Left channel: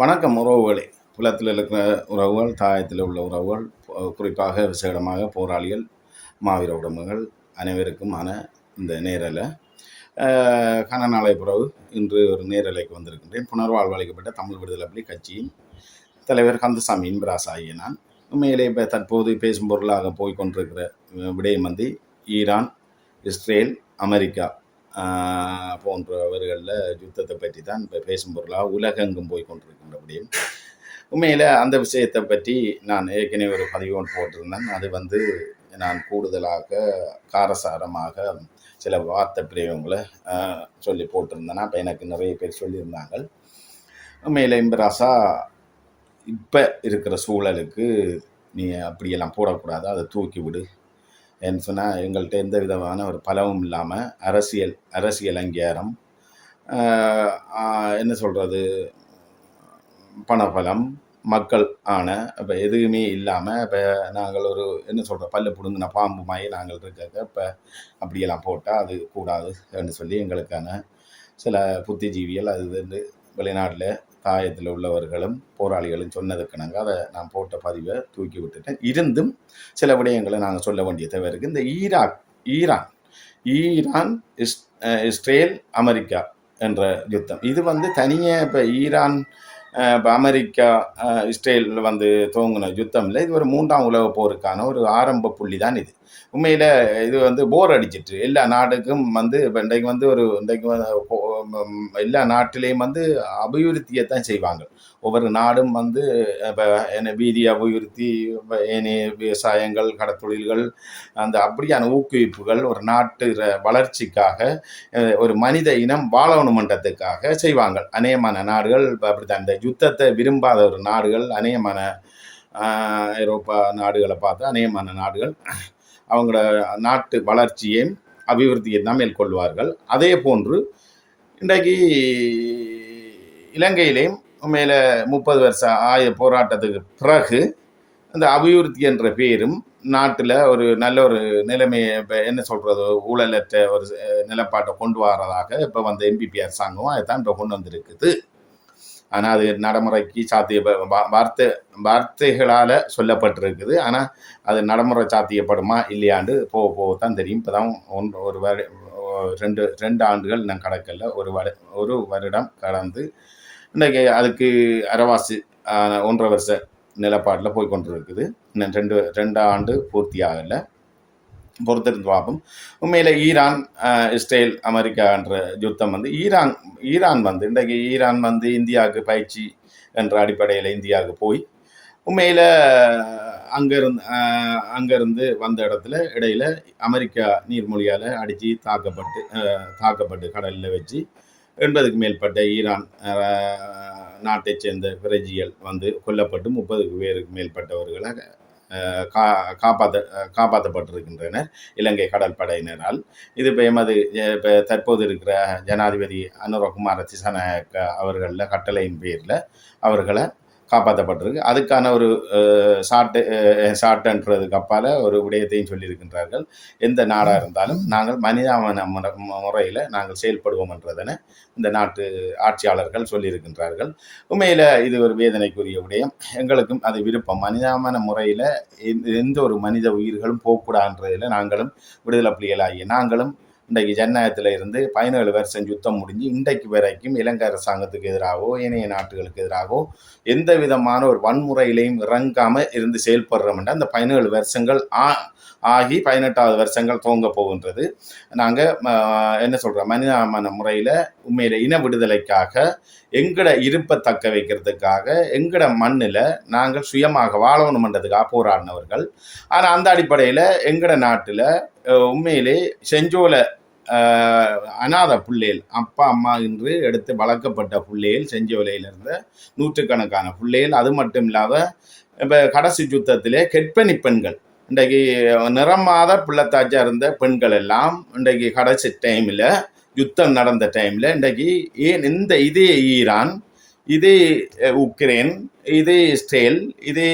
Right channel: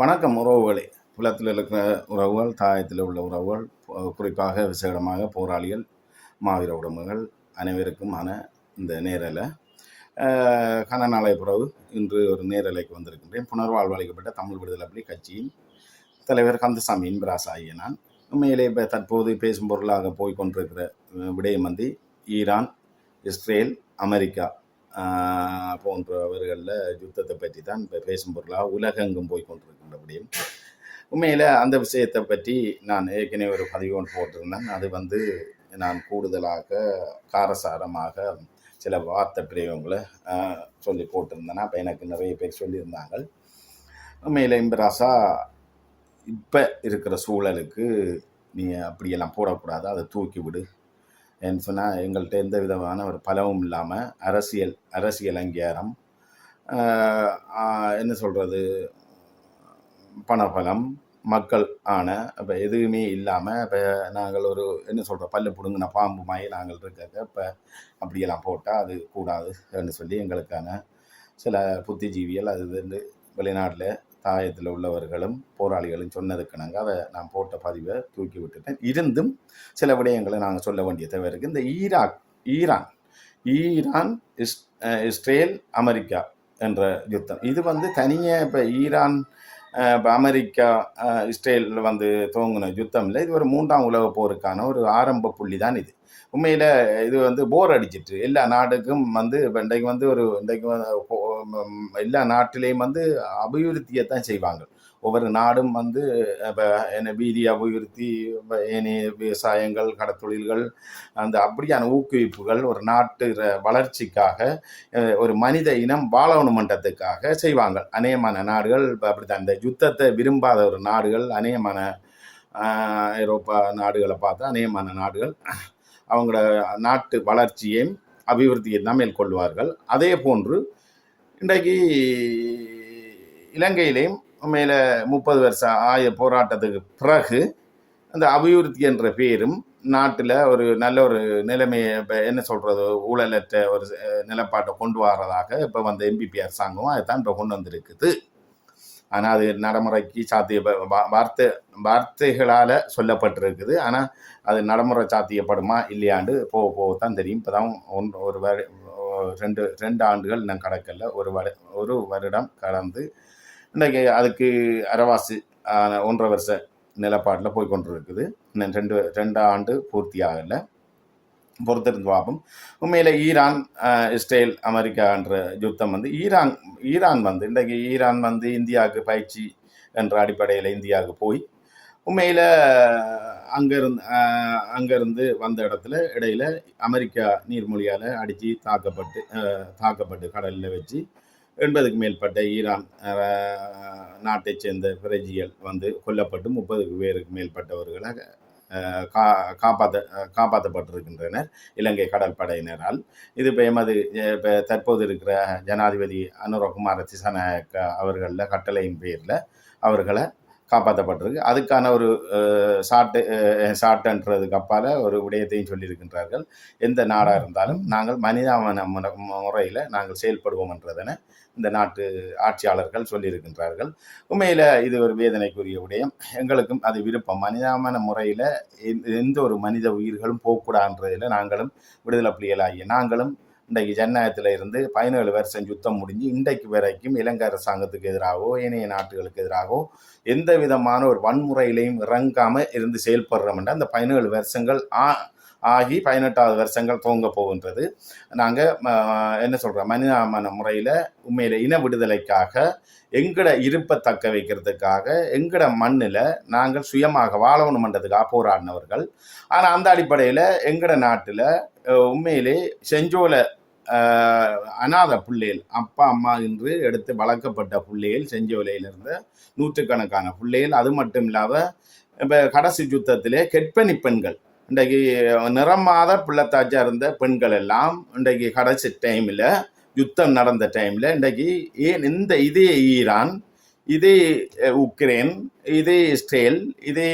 வணக்கம் உறவுகளே. புலத்தில் இருக்கிற உறவுகள், தாயத்தில் உள்ள உறவுகள், குறிப்பாக விசேடமாக போராளிகள், மாவீர உடம்புகள் அனைவருக்குமான இந்த நேரலை கன நாளை பிறகு இன்று ஒரு நேரலைக்கு வந்திருக்கின்றேன். புனர்வாழ்வு அளிக்கப்பட்ட தமிழ் விடுதலை புலி கட்சியின் தலைவர் கந்தசாமி இன்பராசு ஆகிய நான் உண்மையிலே இப்போ தற்போது பேசும் பொருளாக போய்கொண்டிருக்கிற விடயம் வந்து ஈரான், இஸ்ரேல், அமெரிக்கா போன்றவர்களில் யுத்தத்தை பற்றி தான் இப்போ பேசும் பொருளாக உலகெங்கும் போய் கொண்டிருக்கின்ற விடயம். உண்மையில் அந்த விஷயத்தை பற்றி நான் ஏற்கனவே ஒரு பதிவு ஒன்று போட்டிருந்தேன். அது வந்து நான் கூடுதலாக காரசாரமாக சில வார்த்தை பிரயோகங்களை சொல்லி போட்டிருந்தேன்னா அப்போ எனக்கு நிறைய பேர் சொல்லியிருந்தாங்க. உண்மையில் இன்பராசா இப்போ இருக்கிற சூழலுக்கு நீ அப்படியெல்லாம் போடக்கூடாது, அதை தூக்கி விடு என்று சொன்னால் எங்கள்கிட்ட எந்த விதமான ஒரு பலவும் இல்லாமல் அரசியல் அங்கீகாரம், என்ன சொல்கிறது, பணபலம், மக்கள் ஆன இப்போ எதுவுமே இல்லாமல் இப்போ நாங்கள் ஒரு என்ன சொல்கிற பல்லு பிடுங்கின பாம்பு மாதிரி நாங்கள் இருக்க இப்போ அப்படியெல்லாம் போட்டால் அது கூடாது என்று சொல்லி எங்களுக்கான சில புத்திஜீவிகள் அது வந்து வெளிநாட்டில் தாயத்தில் உள்ளவர்களும் போராளிகளும் சொன்னதுக்கு நாங்கள் அதை நான் போட்ட பதிவை தூக்கி விட்டுட்டேன். இருந்தும் சில விடயங்களை நாங்கள் சொல்ல வேண்டிய தேவை இருக்குது. இந்த ஈரான் இஸ்ரேல் அமெரிக்கா என்ற யுத்தம் இது வந்து தனியாக இப்போ ஈரான் இப்போ அமெரிக்கா இஸ்ரேல் வந்து துவங்கின யுத்தம் இல்லை. இது ஒரு 3ஆம் உலக போருக்கான ஒரு ஆரம்ப புள்ளி தான் இது. உண்மையில் இது வந்து போர் அடிச்சிட்டு எல்லா நாடுக்கும் வந்து இப்போ இன்றைக்கு எல்லா நாட்டிலையும் வந்து அபிவிருத்தியை தான் செய்வாங்க. ஒவ்வொரு நாடும் வந்து இப்போ என்ன வீதி அபிவிருத்தி, ஏனைய விவசாயங்கள், கடத்தொழில்கள், அந்த அப்படியான ஊக்குவிப்புகள் ஒரு நாட்டு வளர்ச்சிக்காக, ஒரு மனித இனம் வாழணுமன்றதுக்காக செய்வாங்க. அநேகமான நாடுகள் அப்படித்தான். இந்த யுத்தத்தை விரும்பாத ஒரு நாடுகள் அநேகமான ஐரோப்பா நாடுகளை பார்த்து அநேகமான நாடுகள் அவங்களோட நாட்டு வளர்ச்சியையும் அபிவிருத்தியை தான் மேற்கொள்வார்கள். அதே போன்று இன்றைக்கு இலங்கையிலையும் மேலே 30 வருஷம் போராட்டத்துக்கு பிறகு அந்த அபிவிருத்தி என்ற பேரும் நாட்டில் ஒரு நல்ல ஒரு நிலைமையை இப்போ என்ன சொல்கிறது, ஊழலற்ற ஒரு நிலப்பாட்டை கொண்டு வரதாக இப்போ வந்த எம்பிபி அரசாங்கம் அதுதான் இப்போ கொண்டு வந்திருக்குது. ஆனால் அது நடைமுறைக்கு வார்த்தைகளால் சொல்லப்பட்டிருக்குது. ஆனால் அது நடைமுறை சாத்தியப்படுமா இல்லையாண்டு போகத்தான் தெரியும். இப்போ தான் ரெண்டு ஆண்டுகள் நான் கடக்கல, ஒரு வருடம் கடந்து இன்றைக்கு அதுக்கு அரவாசி 1.5 வருஷ நிலப்பாட்டில் போய்கொண்டிருக்குது. இன்னும் ரெண்டு ஆண்டு பூர்த்தி ஆகலை, பொறுத்திருந்து பார்ப்போம். உண்மையில் ஈரான் இஸ்ரேல் அமெரிக்கா என்ற யுத்தம் வந்து ஈரான் வந்து இன்றைக்கு ஈரான் வந்து இந்தியாவுக்கு பயிற்சி என்ற அடிப்படையில் இந்தியாவுக்கு போய் உண்மையில் அங்கேருந்து வந்த இடத்துல இடையில அமெரிக்கா நீர்மொழியால் அடித்து தாக்கப்பட்டு கடலில் வச்சு 80க்கு மேற்பட்ட ஈரான் நாட்டை சேர்ந்த பிரஜிகள் வந்து கொல்லப்பட்டு 30க்கு பேருக்கு மேற்பட்டவர்களை காப்பாற்றப்பட்டிருக்கின்றனர் இலங்கை கடற்படையினரால். இது இப்போ தற்போது இருக்கிற ஜனாதிபதி அனுரகுமார திசாநாயக்க அவர்களில் கட்டளையின் பேரில் அவர்களை காப்பாற்றப்பட்டிருக்கு. அதுக்கான ஒரு ஷார்ட்ன்றதுக்கு அப்பால் ஒரு விடயத்தையும் சொல்லியிருக்கின்றார்கள். எந்த நாடாக இருந்தாலும் நாங்கள் மனிதாபன முறையில் நாங்கள் செயல்படுவோம் என்றதனை இந்த நாட்டு ஆட்சியாளர்கள் சொல்லியிருக்கின்றார்கள். உண்மையில் இது ஒரு வேதனைக்குரிய விடயம். எங்களுக்கும் அது விருப்பம். மனிதாபன முறையில் எந்த ஒரு மனித உயிர்களும் போகக்கூடாதுன்றதில் நாங்களும் விடுதலை புலிகளாகிய நாங்களும் இன்றைக்கு ஜனநாயகத்தில் இருந்து 17 வருஷம் யுத்தம் முடிஞ்சு இன்றைக்கு வரைக்கும் இலங்கை அரசாங்கத்துக்கு எதிராகவோ ஏனைய நாட்டுகளுக்கு எதிராகவோ எந்த விதமான ஒரு வன்முறையிலையும் இறங்காமல் இருந்து செயல்படுறோம்னா அந்த 17 வருஷங்கள் ஆகி 18வது வருஷங்கள் துவங்க போகின்றது. நாங்கள் என்ன சொல்கிறோம், மனிதாபன முறையில் உண்மையில் இன விடுதலைக்காக எங்கட இருப்பை தக்க வைக்கிறதுக்காக எங்கட மண்ணில் நாங்கள் சுயமாக வாழணுமன்றதுக்காக போராடினவர்கள். ஆனால் அந்த அடிப்படையில் எங்கட நாட்டில் உண்மையிலே செஞ்சோலை அநாத பிள்ளைகள், அப்பா அம்மா என்று எடுத்து வளர்க்கப்பட்ட பிள்ளைகள், செஞ்சோலையில் இருந்த நூற்றுக்கணக்கான பிள்ளைகள், அது மட்டும் இல்லாத இப்போ கடைசி யுத்தத்திலே கெட்பணி பெண்கள், இன்றைக்கு நிறமாத பிள்ளைத்தாச்சா இருந்த பெண்கள் எல்லாம் இன்றைக்கு கடைசி டைமில் யுத்தம் நடந்த டைமில் இன்றைக்கு இதே ஈரான், இதே உக்ரைன், இதே இஸ்ரேல், இதே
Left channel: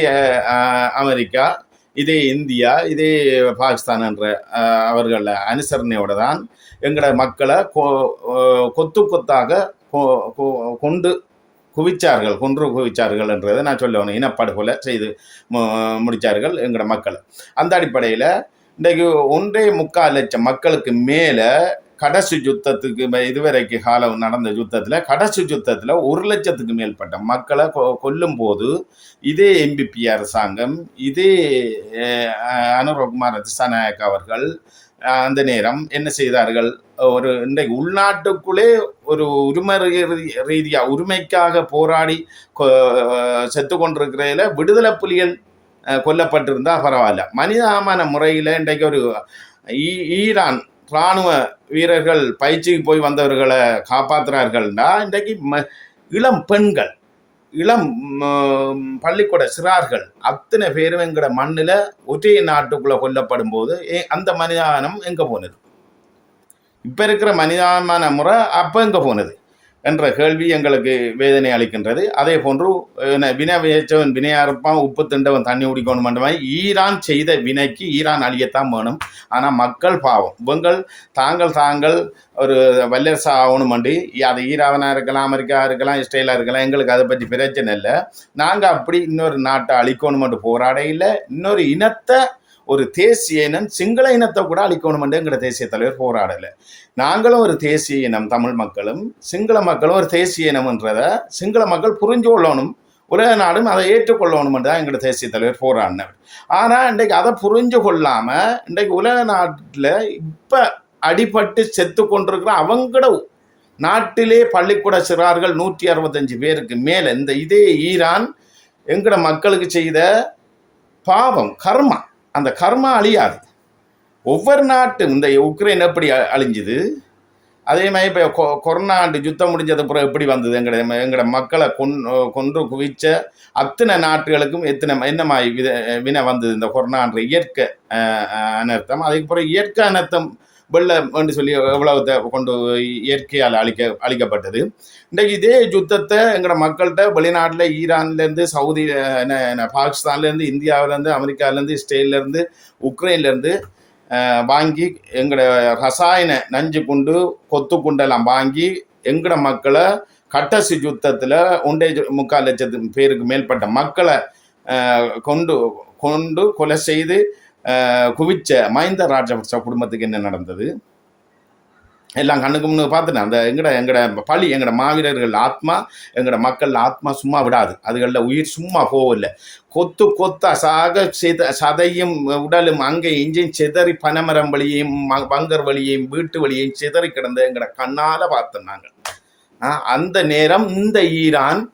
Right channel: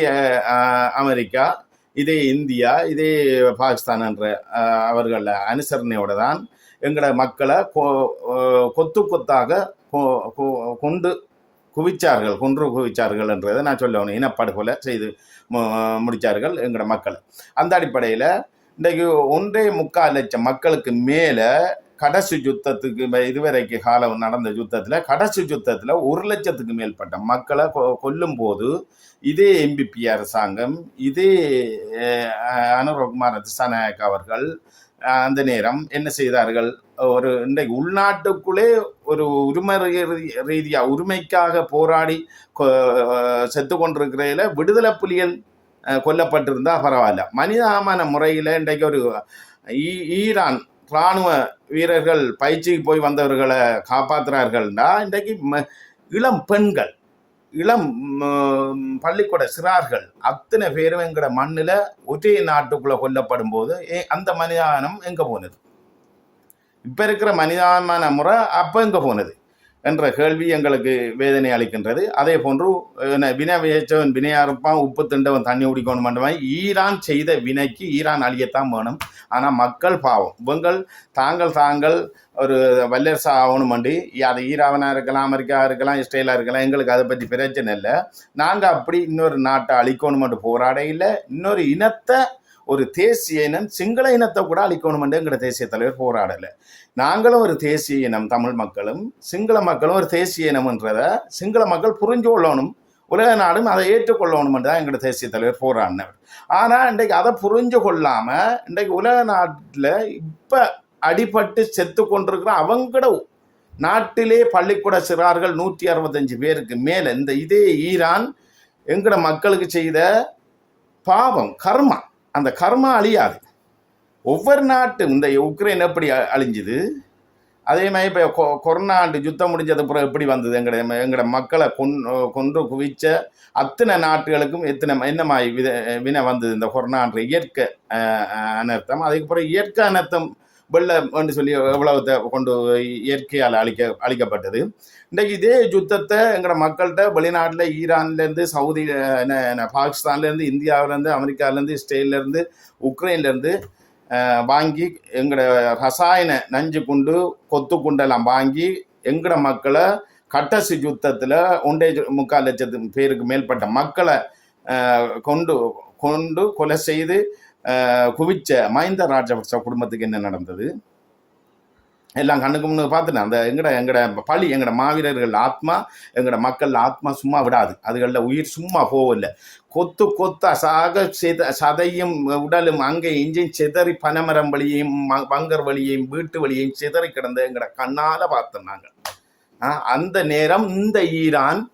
அமெரிக்கா, இதே இந்தியா, இதே பாகிஸ்தான் என்ற அவர்கள் அனுசரணையோடு தான் எங்களோட மக்களை கொத்தாக கொண்டு குவிச்சார்கள், கொன்று குவிச்சார்கள் என்றதை நான் சொல்லணும். இனப்படுகொலை செய்து முடித்தார்கள் எங்களோட மக்களை. அந்த அடிப்படையில் இன்றைக்கு 1.25 லட்சம் மக்களுக்கு மேலே கடைசி யுத்தத்துக்கு இதுவரைக்கு காலம் நடந்த யுத்தத்தில் கடைசி யுத்தத்தில் 1 லட்சத்துக்கு மேற்பட்ட மக்களை கொல்லும் போது இதே MPP அரசாங்கம், இதே அனுரகுமார திசாநாயக்க அவர்கள் அந்த நேரம் என்ன செய்தார்கள்? ஒரு இன்றைக்கு உள்நாட்டுக்குள்ளே ஒரு உரிமை ரீதியாக உரிமைக்காக போராடி செத்து கொண்டிருக்கிறதில் விடுதலை புலிகள் கொல்லப்பட்டிருந்தா பரவாயில்ல. மனிதாபிமான முறையில் இன்றைக்கு ஒரு ஈரான் இராணுவ வீரர்கள் பயிற்சிக்கு போய் வந்தவர்களை காப்பாற்றுறார்கள்டா, இன்றைக்கு இளம் பெண்கள், இளம் பள்ளிக்கூட சிறார்கள் அத்தனை பேரும் எங்கட மண்ணில் ஒற்றை நாட்டுக்குள்ளே கொல்லப்படும் போது அந்த மனிதானம் எங்கே போனது? இப்போ இருக்கிற மனிதாபிமான முறை அப்போ எங்கே போனது என்ற கேள்வி எங்களுக்கு வேதனை அளிக்கின்றது. அதே போன்று வினை வியச்சவன் வினையாருப்பான், உப்பு திண்டவன் தண்ணி குடிக்கணும் என்ற மாதிரி ஈரான் செய்த வினைக்கு ஈரான் அழியத்தான் வேணும். ஆனால் மக்கள் பாவம், இவங்கள் தாங்கள் ஒரு வல்லரசு ஆகணும் அண்டி, அது ஈரானாக இருக்கலாம், அமெரிக்கா இருக்கலாம், இஸ்ரேலாக இருக்கலாம், எங்களுக்கு அதை பற்றி பிரச்சனை இல்லை. நாங்கள் அப்படி இன்னொரு நாட்டை அழிக்கணும் என்று போராட இல்லை. இன்னொரு இனத்தை, ஒரு தேசிய இனம் சிங்கள இனத்தை கூட அழிக்கணும் என்று எங்களோட தேசிய தலைவர் போராடலை. நாங்களும் ஒரு தேசிய இனம், தமிழ் மக்களும் சிங்கள மக்களும் ஒரு தேசிய இனம் என்றதை சிங்கள மக்கள் புரிஞ்சு கொள்ளணும், உலக நாடும் அதை ஏற்றுக்கொள்ளணும் என்று தான் எங்களோட தேசிய தலைவர் போராடினவர். ஆனால் இன்றைக்கு அதை புரிஞ்சு கொள்ளாமல் இன்றைக்கு உலக நாட்டில் இப்போ அடிபட்டு செத்து கொண்டிருக்கிற அவங்களோட நாட்டிலே பள்ளிக்கூட சிறார்கள் 165 பேருக்கு மேலே இந்த இதே ஈரான் எங்களோட மக்களுக்கு செய்த பாவம், கர்மா. அந்த கர்மா அழியாது. ஒவ்வொரு நாட்டும் இந்த உக்ரைன் எப்படி அழிஞ்சுது, அதே மாதிரி இப்போ கொரோனா யுத்தம் முடிஞ்சது அப்புறம் எப்படி வந்தது, எங்களோட மக்களை கொன்று குவிச்ச அத்தனை நாட்டுகளுக்கும் என்ன மாதிரி வினை வந்தது இந்த கொரோனான்ற இயற்கை அனர்த்தம். அதுக்கப்புறம் இயற்கை அனர்த்தம் வெள்ளம் என்று சொல்லி எவ்வளவு கொண்டு இயற்கையால் அழிக்கப்பட்டது. இன்றைக்கு இதே யுத்தத்தை எங்களோட மக்கள்கிட்ட வெளிநாட்டில் ஈரான்லேருந்து, சவுதி, பாகிஸ்தான்லேருந்து, இந்தியாவிலேருந்து, அமெரிக்காவிலேருந்து, இஸ்ரேல்லேருந்து, உக்ரைன்லேருந்து வாங்கி எங்களோட ரசாயன நஞ்சு குண்டு, கொத்து குண்டெல்லாம் வாங்கி எங்களோட மக்களை கடைசி யுத்தத்தில் 1.25 லட்சம் பேருக்கு மேற்பட்ட மக்களை கொண்டு கொலை செய்து குவிச்ச மஹிந்த ராஜபக்ச குடும்பத்துக்கு என்ன நடந்தது எல்லாம் கண்ணுக்கு முன்னு பார்த்துட்டேன். அந்த எங்கட பழி, எங்களோட மாவீரர்கள் ஆத்மா, எங்களோட மக்கள் ஆத்மா சும்மா விடாது. அதுகளில் உயிர் சும்மா போகவில்லை. கொத்தா சாக சதையும் உடலும் அங்கே இஞ்சியும் சிதறி பனைமரம் வழியையும் பங்கர் வழியையும் வீட்டு வழியையும் சிதறி கிடந்த எங்களோட கண்ணால் பார்த்தோம் நாங்கள். அந்த நேரம் இந்த ஈரான்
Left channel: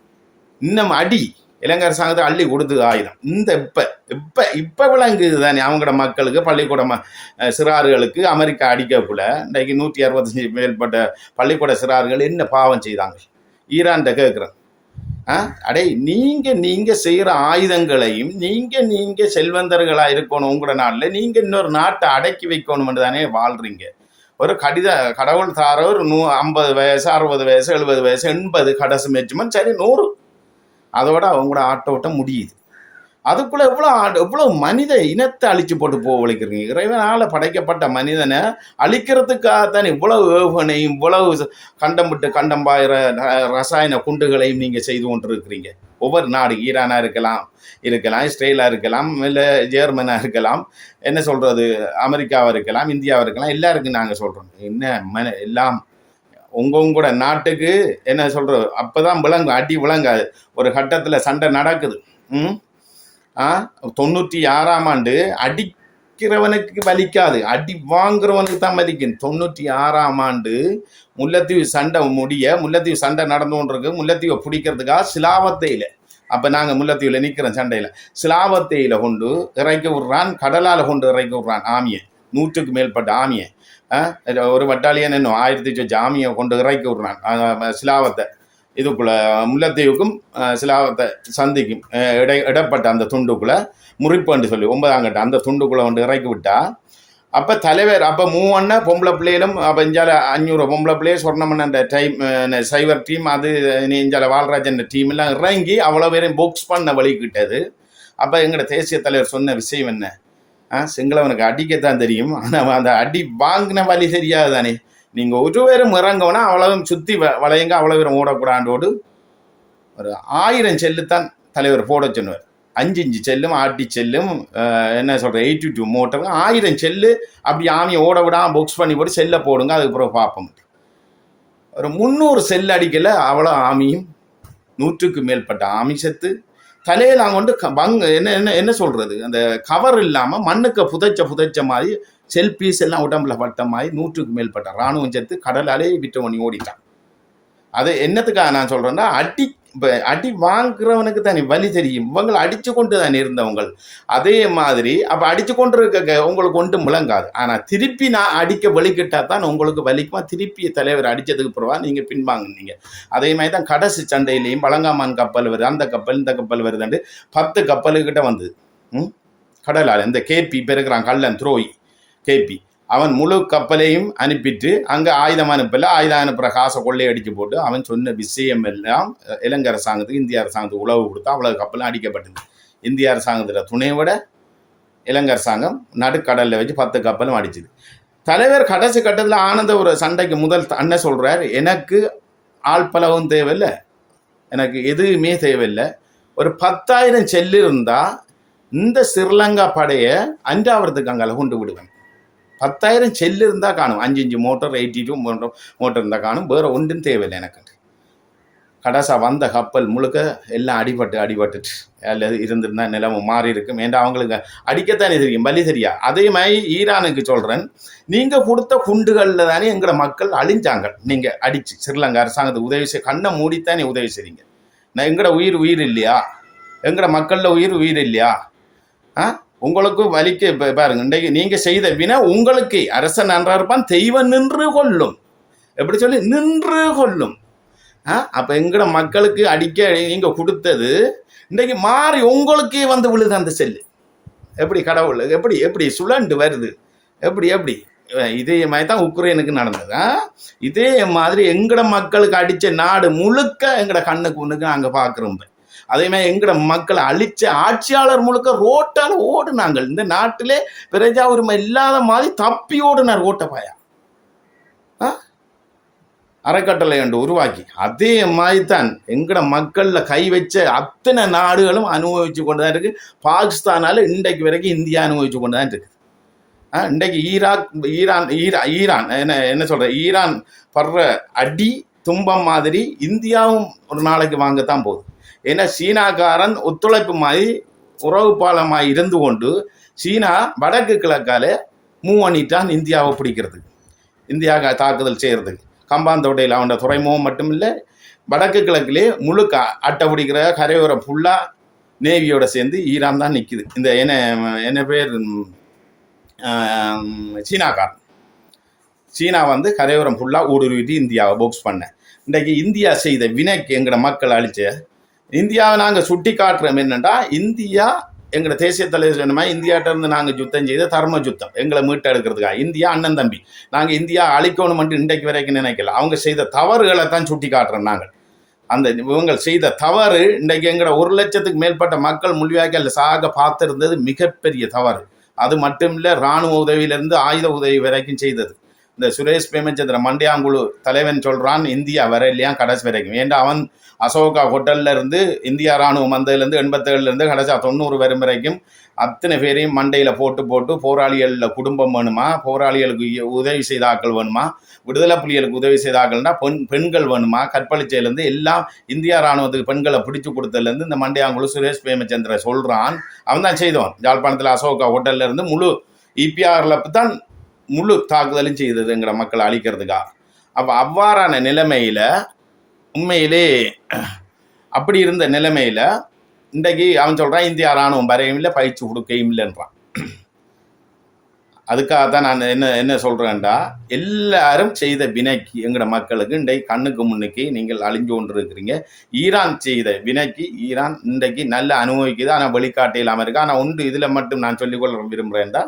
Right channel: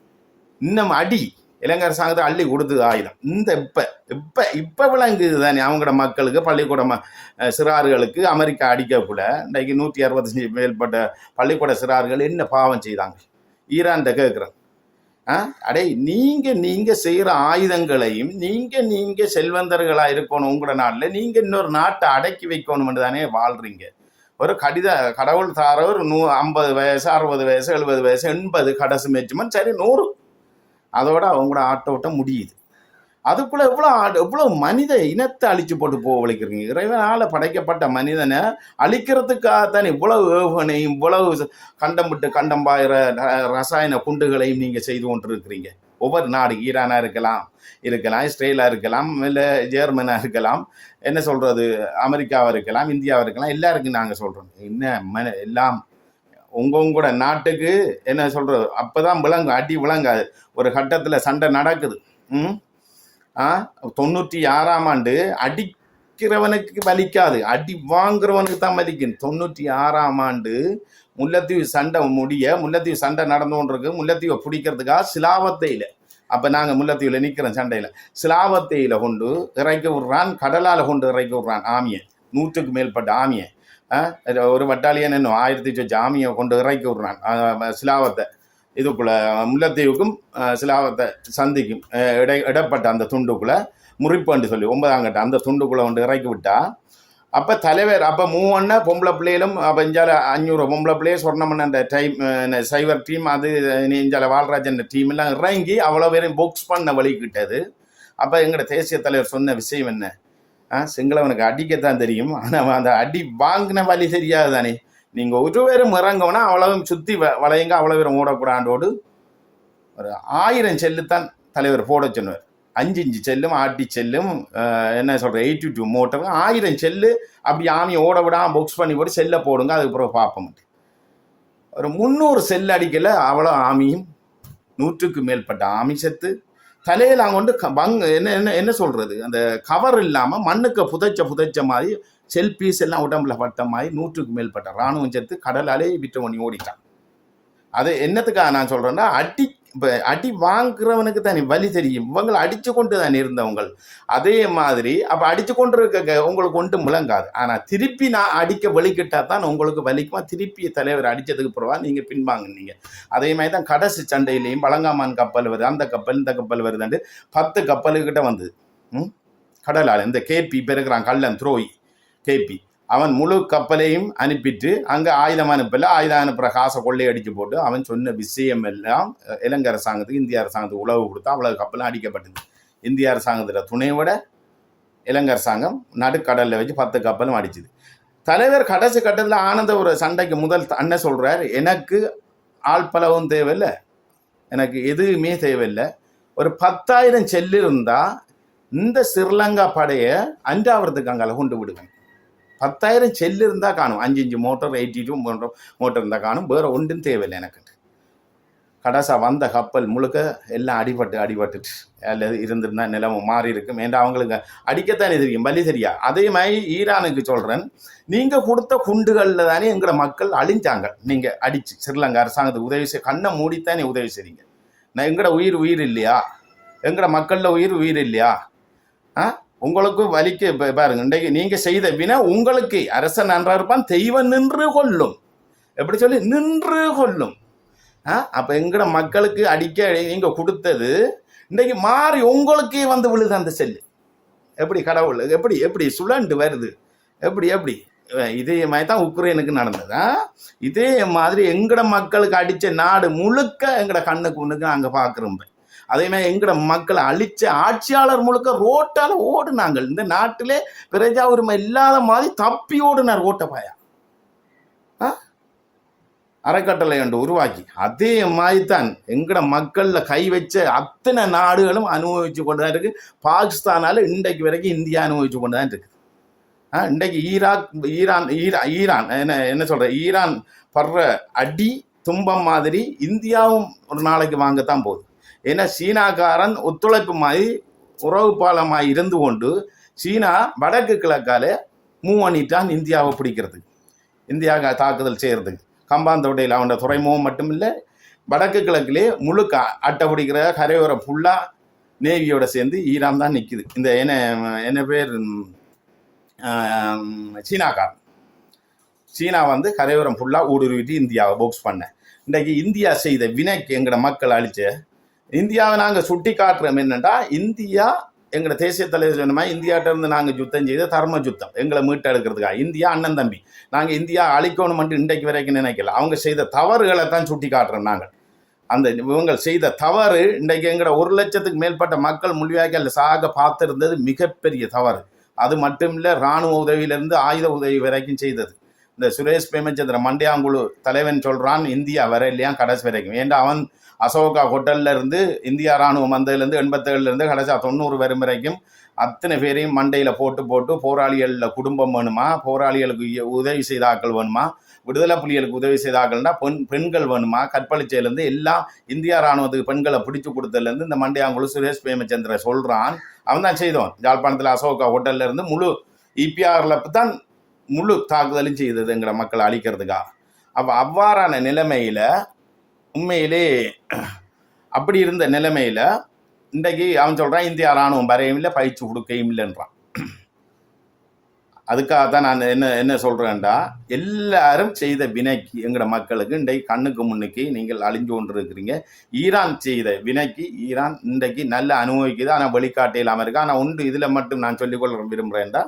இன்னும் அடி இலங்கை அரசாங்கத்தை அள்ளி கொடுத்தது ஆயுதம். இந்த இப்போ விளங்குது தானே அவங்களோட மக்களுக்கு, பள்ளிக்கூட சிறார்களுக்கு அமெரிக்கா அடிக்கக்குள்ள இன்றைக்கு 165 மேற்பட்ட பள்ளிக்கூட சிறார்கள் என்ன பாவம் செய்தாங்க ஈரான்கிட்ட கேட்குறேன். அடே நீங்கள் செய்கிற ஆயுதங்களையும் நீங்கள் செல்வந்தர்களாக இருக்கணும், உங்களோட நாட்டில் நீங்கள் இன்னொரு நாட்டை அடக்கி வைக்கணும்னு தானே வாழ்கிறீங்க. ஒரு கடவுள் தார ஒரு 50 வயசு, 60 வயசு, 70 வயசு, 80 கடைசி மேட்சுமன் சரி 100, அதோட அவங்களோட ஆட்டோட்டம் முடியுது. அதுக்குள்ள எவ்வளோ மனித இனத்தை அழிச்சு போட்டு போவழிக்கிறீங்க. இறைவனால் படைக்கப்பட்ட மனிதனை அழிக்கிறதுக்காகத்தான் இவ்வளவு ஏவுகணையும் இவ்வளவு கண்டம் பாயிற ரசாயன குண்டுகளையும் நீங்கள் செய்து கொண்டிருக்கிறீங்க. ஒவ்வொரு நாடு, ஈரானாக இருக்கலாம், இஸ்ரேலாக இருக்கலாம், இல்லை ஜெர்மனாக இருக்கலாம், என்ன சொல்கிறது, அமெரிக்காவாக இருக்கலாம், இந்தியாவாக இருக்கலாம், எல்லாருக்கும் நாங்கள் சொல்கிறோம் என்ன எல்லாம் உங்களோட நாட்டுக்கு என்ன சொல்கிறது அப்போ தான் விளங்கும். அடி விளங்காது. ஒரு கட்டத்தில் சண்டை நடக்குது. 96ஆம் ஆண்டு அடிக்கிறவனுக்கு வலிக்காது, அடி வாங்குறவனுக்கு தான் வலிக்கும். 96ஆம் ஆண்டு முல்லைத்தீவு சண்டை நடந்து கொண்டிருக்கு. முல்லைத்தீவை பிடிக்கிறதுக்காக சிலாவத்தையில், அப்போ நாங்கள் முல்லைத்தீவில் நிற்கிறோம் சண்டையில், சிலாவத்தையில் கொண்டு இறக்கி விட்றான், கடலால் கொண்டு இறக்கி விட்றான் ஆமியை, 100க்கு மேற்பட்ட ஆமியை. ஒரு பட்டாலியன் இன்னும் 1000 ஆமியை கொண்டு இறக்கி விட்றான் சிலாவத்தை. இதுக்குள்ள முல்லைத்தீவுக்கும் சிலாவத்தை சந்திக்கும் இடப்பட்ட அந்த துண்டுக்குள்ளே முறிப்புன்னு சொல்லி 9ஆம் கட்டம் அந்த துண்டுக்குள்ளே கொண்டு இறக்கி விட்டா, அப்போ தலைவர் அப்போ 3 பொம்பளை பிள்ளைகளும், அப்போ இஞ்சால 500 பொம்பளை பிள்ளைய சொர்ணமன் அந்த டைம் சைவர் டீம், அது இஞ்சால வால்ராஜன் டீம் எல்லாம் இறங்கி அவ்வளோ பேரையும் பாக்ஸ் பண்ண வழிக்கிட்டது. அப்போ எங்களோட தேசிய தலைவர் சொன்ன விஷயம் என்ன, சிங்களவனுக்கு அடிக்கத்தான் தெரியும், ஆனால் அந்த அடி வாங்கின வழி தெரியாது தானே. நீங்கள் ஒரு பேரும் இறங்கவுனா அவ்வளவும் சுற்றி வளையுங்க, அவ்வளோ பேரும் ஓடக்கூடாண்டோடு ஒரு 1000 செல்லு தான் தலைவர் போட சொன்னார். 5 செல்லும் ஆட்டி செல்லும் என்ன சொல்கிற 82 மோட்டருங்க 1000 செல்லு அப்படி ஆமியை ஓட விடாமல் பாக்ஸ் பண்ணி போட்டு செல்லை போடுங்க, அதுக்கப்புறம் பார்ப்போம். ஒரு 300 செல் அடிக்கல அவ்வளோ ஆமியும் 100க்கு மேற்பட்ட ஆமி செத்து தலையில் அவங்க வந்து என்ன என்ன என்ன சொல்கிறது, அந்த கவர் இல்லாமல் மண்ணுக்கு புதைச்ச மாதிரி செல் பீஸ் எல்லாம் உடம்புல பட்ட மாதிரி 100க்கு மேற்பட்ட இராணுவம் செத்து கடலாலே விட்டு பண்ணி ஓடிட்டான். அது என்னத்துக்காக நான் சொல்கிறேன்னா, அடி வாங்குறவனுக்கு தானே வலி தெரியும். இவங்களை அடித்து கொண்டு தான் இருந்தவங்க. அதே மாதிரி அப்போ அடித்து கொண்டு இருக்க உங்களுக்கு ஒன்றும் விளங்காது. ஆனால் திருப்பி நான் அடிக்க வலிக்கிட்டா தான் உங்களுக்கு வலிக்குமா. திருப்பி தலைவர் அடித்ததுக்கு பிறவா நீங்கள் பின்வாங்கினீங்க. அதே மாதிரி தான் கடைசி சண்டையிலையும் பழங்காமான் கப்பல் வருது, அந்த கப்பல் இந்த கப்பல் வருதுண்டு 10 கப்பலுக்கிட்ட வந்தது. கடலால் இந்த கேபி பெருக்கிறான் கள்ளன் துரோகி கேபி, அவன் முழு கப்பலையும் அனுப்பிட்டு அங்கே ஆயுதம் அனுப்பல, ஆயுதம் அனுப்புகிற காசை கொள்ளையடிச்சு போட்டு அவன் சொன்ன விஷயம் எல்லாம் இலங்கை அரசாங்கத்துக்கு இந்திய அரசாங்கத்துக்கு உளவு கொடுத்தா அவ்வளவு கப்பலும் அடிக்கப்பட்டது. இந்திய அரசாங்கத்தில் துணையோட இலங்கை அரசாங்கம் நடுக்கடலில் வச்சு 10 கப்பலும் அடிச்சுது. தலைவர் கடைசி கட்டத்தில் ஆனந்த ஒரு சண்டைக்கு முதல் அண்ணன் சொல்கிறார், எனக்கு ஆள்பலவும் தேவையில்லை, எனக்கு எதுவுமே தேவையில்லை, ஒரு 10,000 செல்லு இருந்தால் இந்த ஸ்ரீலங்கா படையை அஞ்சாவதுக்கு அங்கே கொண்டு விடுவேன். 10,000 செல்லு இருந்தால் காணும், 5 மோட்டர் 82 மோட்டர் இருந்தால் காணும், வேறு ஒன்றும் தேவையில்லை எனக்கு. கடைசா வந்த கப்பல் முழுக்க எல்லாம் அடிபட்டுட்டு அல்லது இருந்திருந்தா நிலைமை மாறி இருக்கும். ஏன்னா அவங்களுக்கு அடிக்கத்தானே தெரியும், வலி தெரியா. அதே மாதிரி ஈரானுக்கு சொல்கிறேன், நீங்கள் கொடுத்த குண்டுகளில் தானே எங்களை மக்கள் அழிஞ்சாங்க. நீங்கள் அடித்து ஸ்ரீலங்கா அரசாங்கத்துக்கு உதவி செய்ய கண்ணை மூடித்தானே உதவி செய்றீங்க. நான் எங்களோட உயிர் இல்லையா, எங்களோட மக்களில் உயிர் இல்லையா? உங்களுக்கு வலிக்க பாருங்க, இன்றைக்கு நீங்க செய்த வினை உங்களுக்கு அரசன் நன்றா இருப்பான், தெய்வம் நின்று கொள்ளும், எப்படி சொல்லி நின்று கொள்ளும். அப்ப எங்கட மக்களுக்கு அடிக்க நீங்க கொடுத்தது இன்றைக்கு மாறி உங்களுக்கே வந்து விழுது அந்த செல்லு. எப்படி கடவுள் எப்படி சுழண்டு வருது, எப்படி இதே மாதிரி தான் உக்ரைனுக்கு நடந்தது. இதே மாதிரி எங்கட மக்களுக்கு அடிச்ச நாடு முழுக்க எங்கட கண்ணுக்கு ஒண்ணுக்கு நாங்க பாக்குறோம். அதே மாதிரி எங்கட மக்களை அழிச்ச ஆட்சியாளர் முழுக்க ரோட்டால ஓடுனாங்க. இந்த நாட்டிலே பிரஜா உரிமை இல்லாத மாதிரி தப்பி ஓடுனார் ஓட்டப்பாயா அறக்கட்டளை என்று உருவாக்கி. அதே மாதிரி தான் எங்கட மக்கள்ல கை வச்ச அத்தனை நாடுகளும் அனுபவிச்சு கொண்டுதான் இருக்கு. பாகிஸ்தானால இன்றைக்கு வரைக்கும் இந்தியா அனுபவிச்சு கொண்டுதான் இருக்கு. இன்றைக்கு ஈரான் என்ன சொல்ற, ஈரான் படுற அடி துன்பம் மாதிரி இந்தியாவும் ஒரு நாளைக்கு வாங்கத்தான் போகுது. ஏன்னா சீனாக்காரன் ஒத்துழைப்பு மாதிரி உறவு பாலமாக இருந்து கொண்டு சீனா வடக்கு கிழக்கால மூவ் பண்ணிட்டான் இந்தியாவை பிடிக்கிறதுக்கு, இந்தியாவுக்கு தாக்குதல் செய்கிறதுக்கு. கம்பாந்தோட்டையில் அவனோட துறைமுகம் மட்டும் இல்லை, வடக்கு கிழக்கிலே முழுக்க அட்டை பிடிக்கிற கரையோரம் ஃபுல்லாக நேவியோட சேர்ந்து ஈரான் தான் நிற்குது. இந்த என்ன பேர் சீனாக்காரன், சீனா வந்து கரையோரம் ஃபுல்லாக ஊடுருவிட்டு இந்தியாவை பாக்ஸ் பண்ண. இன்றைக்கு இந்தியா செய்த வினைக்கு எங்களோட மக்கள் அழிச்ச இந்தியாவை நாங்கள் சுட்டி காட்டுறோம். என்னென்னா, இந்தியா எங்களோட தேசிய தலைவர் சொன்னமா இந்தியாட்ட இருந்து நாங்கள் யுத்தம் செய்த தர்ம யுத்தம் எங்களை மீட்டெடுக்கிறதுக்காக. இந்தியா அண்ணன் தம்பி, நாங்கள் இந்தியா அழிக்கணும் இன்றைக்கு வரைக்கும் நினைக்கல. அவங்க செய்த தவறுகளை தான் சுட்டி காட்டுறோம் நாங்கள். அந்த இவங்க செய்த தவறு இன்றைக்கு எங்களோட 1 லட்சத்துக்கு மேற்பட்ட மக்கள் முள்ளிவாய்க்கால் சாக பார்த்துருந்தது மிகப்பெரிய தவறு. அது மட்டும் இல்லை, இராணுவ உதவியிலிருந்து ஆயுத உதவி வரைக்கும் செய்தது. இந்த சுரேஷ் பிரேமச்சந்திர மண்டையாங்குழு தலைவன் சொல்கிறான் இந்தியா வர இல்லையா கடைசி வரைக்கும். ஏன்டா அவன் அசோகா ஹோட்டல்ல இருந்து இந்தியா ராணுவம் வந்ததுலேருந்து 87லேருந்து கடைசி 90 வரும் வரைக்கும் அத்தனை பேரையும் மண்டையில் போட்டு போராளிகளில் குடும்பம் வேணுமா, போராளிகளுக்கு உதவி செய்த ஆக்கள் வேணுமா, விடுதலை புலிகளுக்கு உதவி செய்த ஆக்கள்னா பெண்கள் வேணுமா, கற்பழிச்சையிலேருந்து எல்லாம் இந்தியா ராணுவத்துக்கு பெண்களை பிடிச்சு கொடுத்ததுலேருந்து இந்த மண்டையாங்குழு சுரேஷ் பிரேமச்சந்திர சொல்கிறான். அவன் தான் செய்தவன். யாழ்ப்பாணத்தில் அசோகா ஹோட்டல்ல இருந்து முழு இபிஆரில் தான் முழு தாக்குதலும் செய்தது எங்களை மக்களை அழிக்கிறதுக்கா. அப்போ அவ்வாறான நிலைமையில் உண்மையிலே அப்படி இருந்த நிலைமையில் இன்றைக்கு அவன் சொல்கிறான் இந்தியா ராணுவம் வரையும் இல்லை, பயிற்சி கொடுக்கையும் இல்லைன்றான். அதுக்காக தான் நான் என்ன சொல்கிறேன்டா, எல்லாரும் செய்த வினைக்கு எங்களோட மக்களுக்கு இன்றைக்கு கண்ணுக்கு முன்னுக்கு நீங்கள் அழிஞ்சு கொண்டு இருக்கிறீங்க. ஈரான் செய்த வினைக்கு ஈரான் இன்றைக்கு நல்ல அனுபவிக்குது, ஆனால் வெளிக்காட்டு இல்லாமல் இருக்கு. ஆனால் ஒன்று இதில் மட்டும் நான் சொல்லிக்கொள்ள விரும்புகிறேன்டா,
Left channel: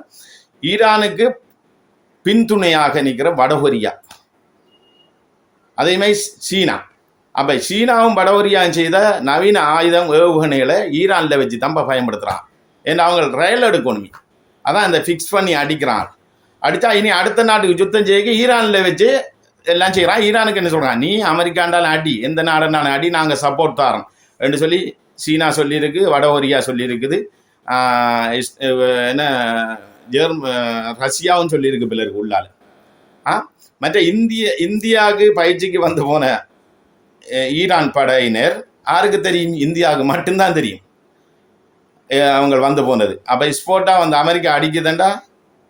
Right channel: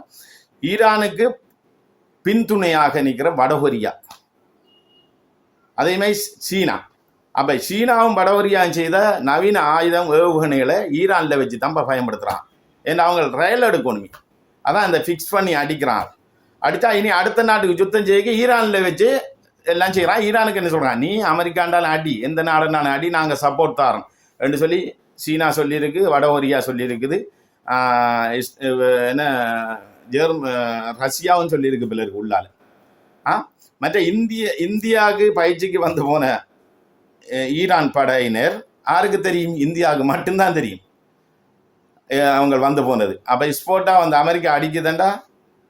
ஈரானுக்கு பின்துணையாக நிற்கிற வடகொரியா, அதே மாதிரி சீனா. அப்போ சீனாவும் வடகொரியாவும் செய்த நவீன ஆயுதம் ஏவுகணைகளை ஈரானில் வச்சு தம்ப பயன்படுத்துகிறான். ஏன்னா அவங்க ரயில் எடுக்கணுமே, அதான் இந்த ஃபிக்ஸ் பண்ணி அடிக்கிறான். அடித்தா இனி அடுத்த நாட்டுக்கு யுத்தம் செய்ய ஈரானில் வச்சு எல்லாம் செய்கிறான். ஈரானுக்கு என்ன சொல்கிறான், நீ அமெரிக்காண்டாலும் அடி, எந்த நாடுனாலும் அடி, நாங்கள் சப்போர்ட் தரோம், என்று சொல்லி சீனா சொல்லியிருக்கு, வட கொரியா சொல்லியிருக்குது, என்ன ரஷ்யாவும் சொல்லியிருக்கு பிள்ளருக்கு உள்ளால். மற்ற இந்தியாவுக்கு பயிற்சிக்கு வந்து போன ஈரான் படையினர் யாருக்கு தெரியும்? இந்தியாவுக்கு மட்டும்தான் தெரியும் அவங்க வந்து போனது. அப்போ ஸ்போர்ட்டா வந்து அமெரிக்கா அடிக்குதுண்டா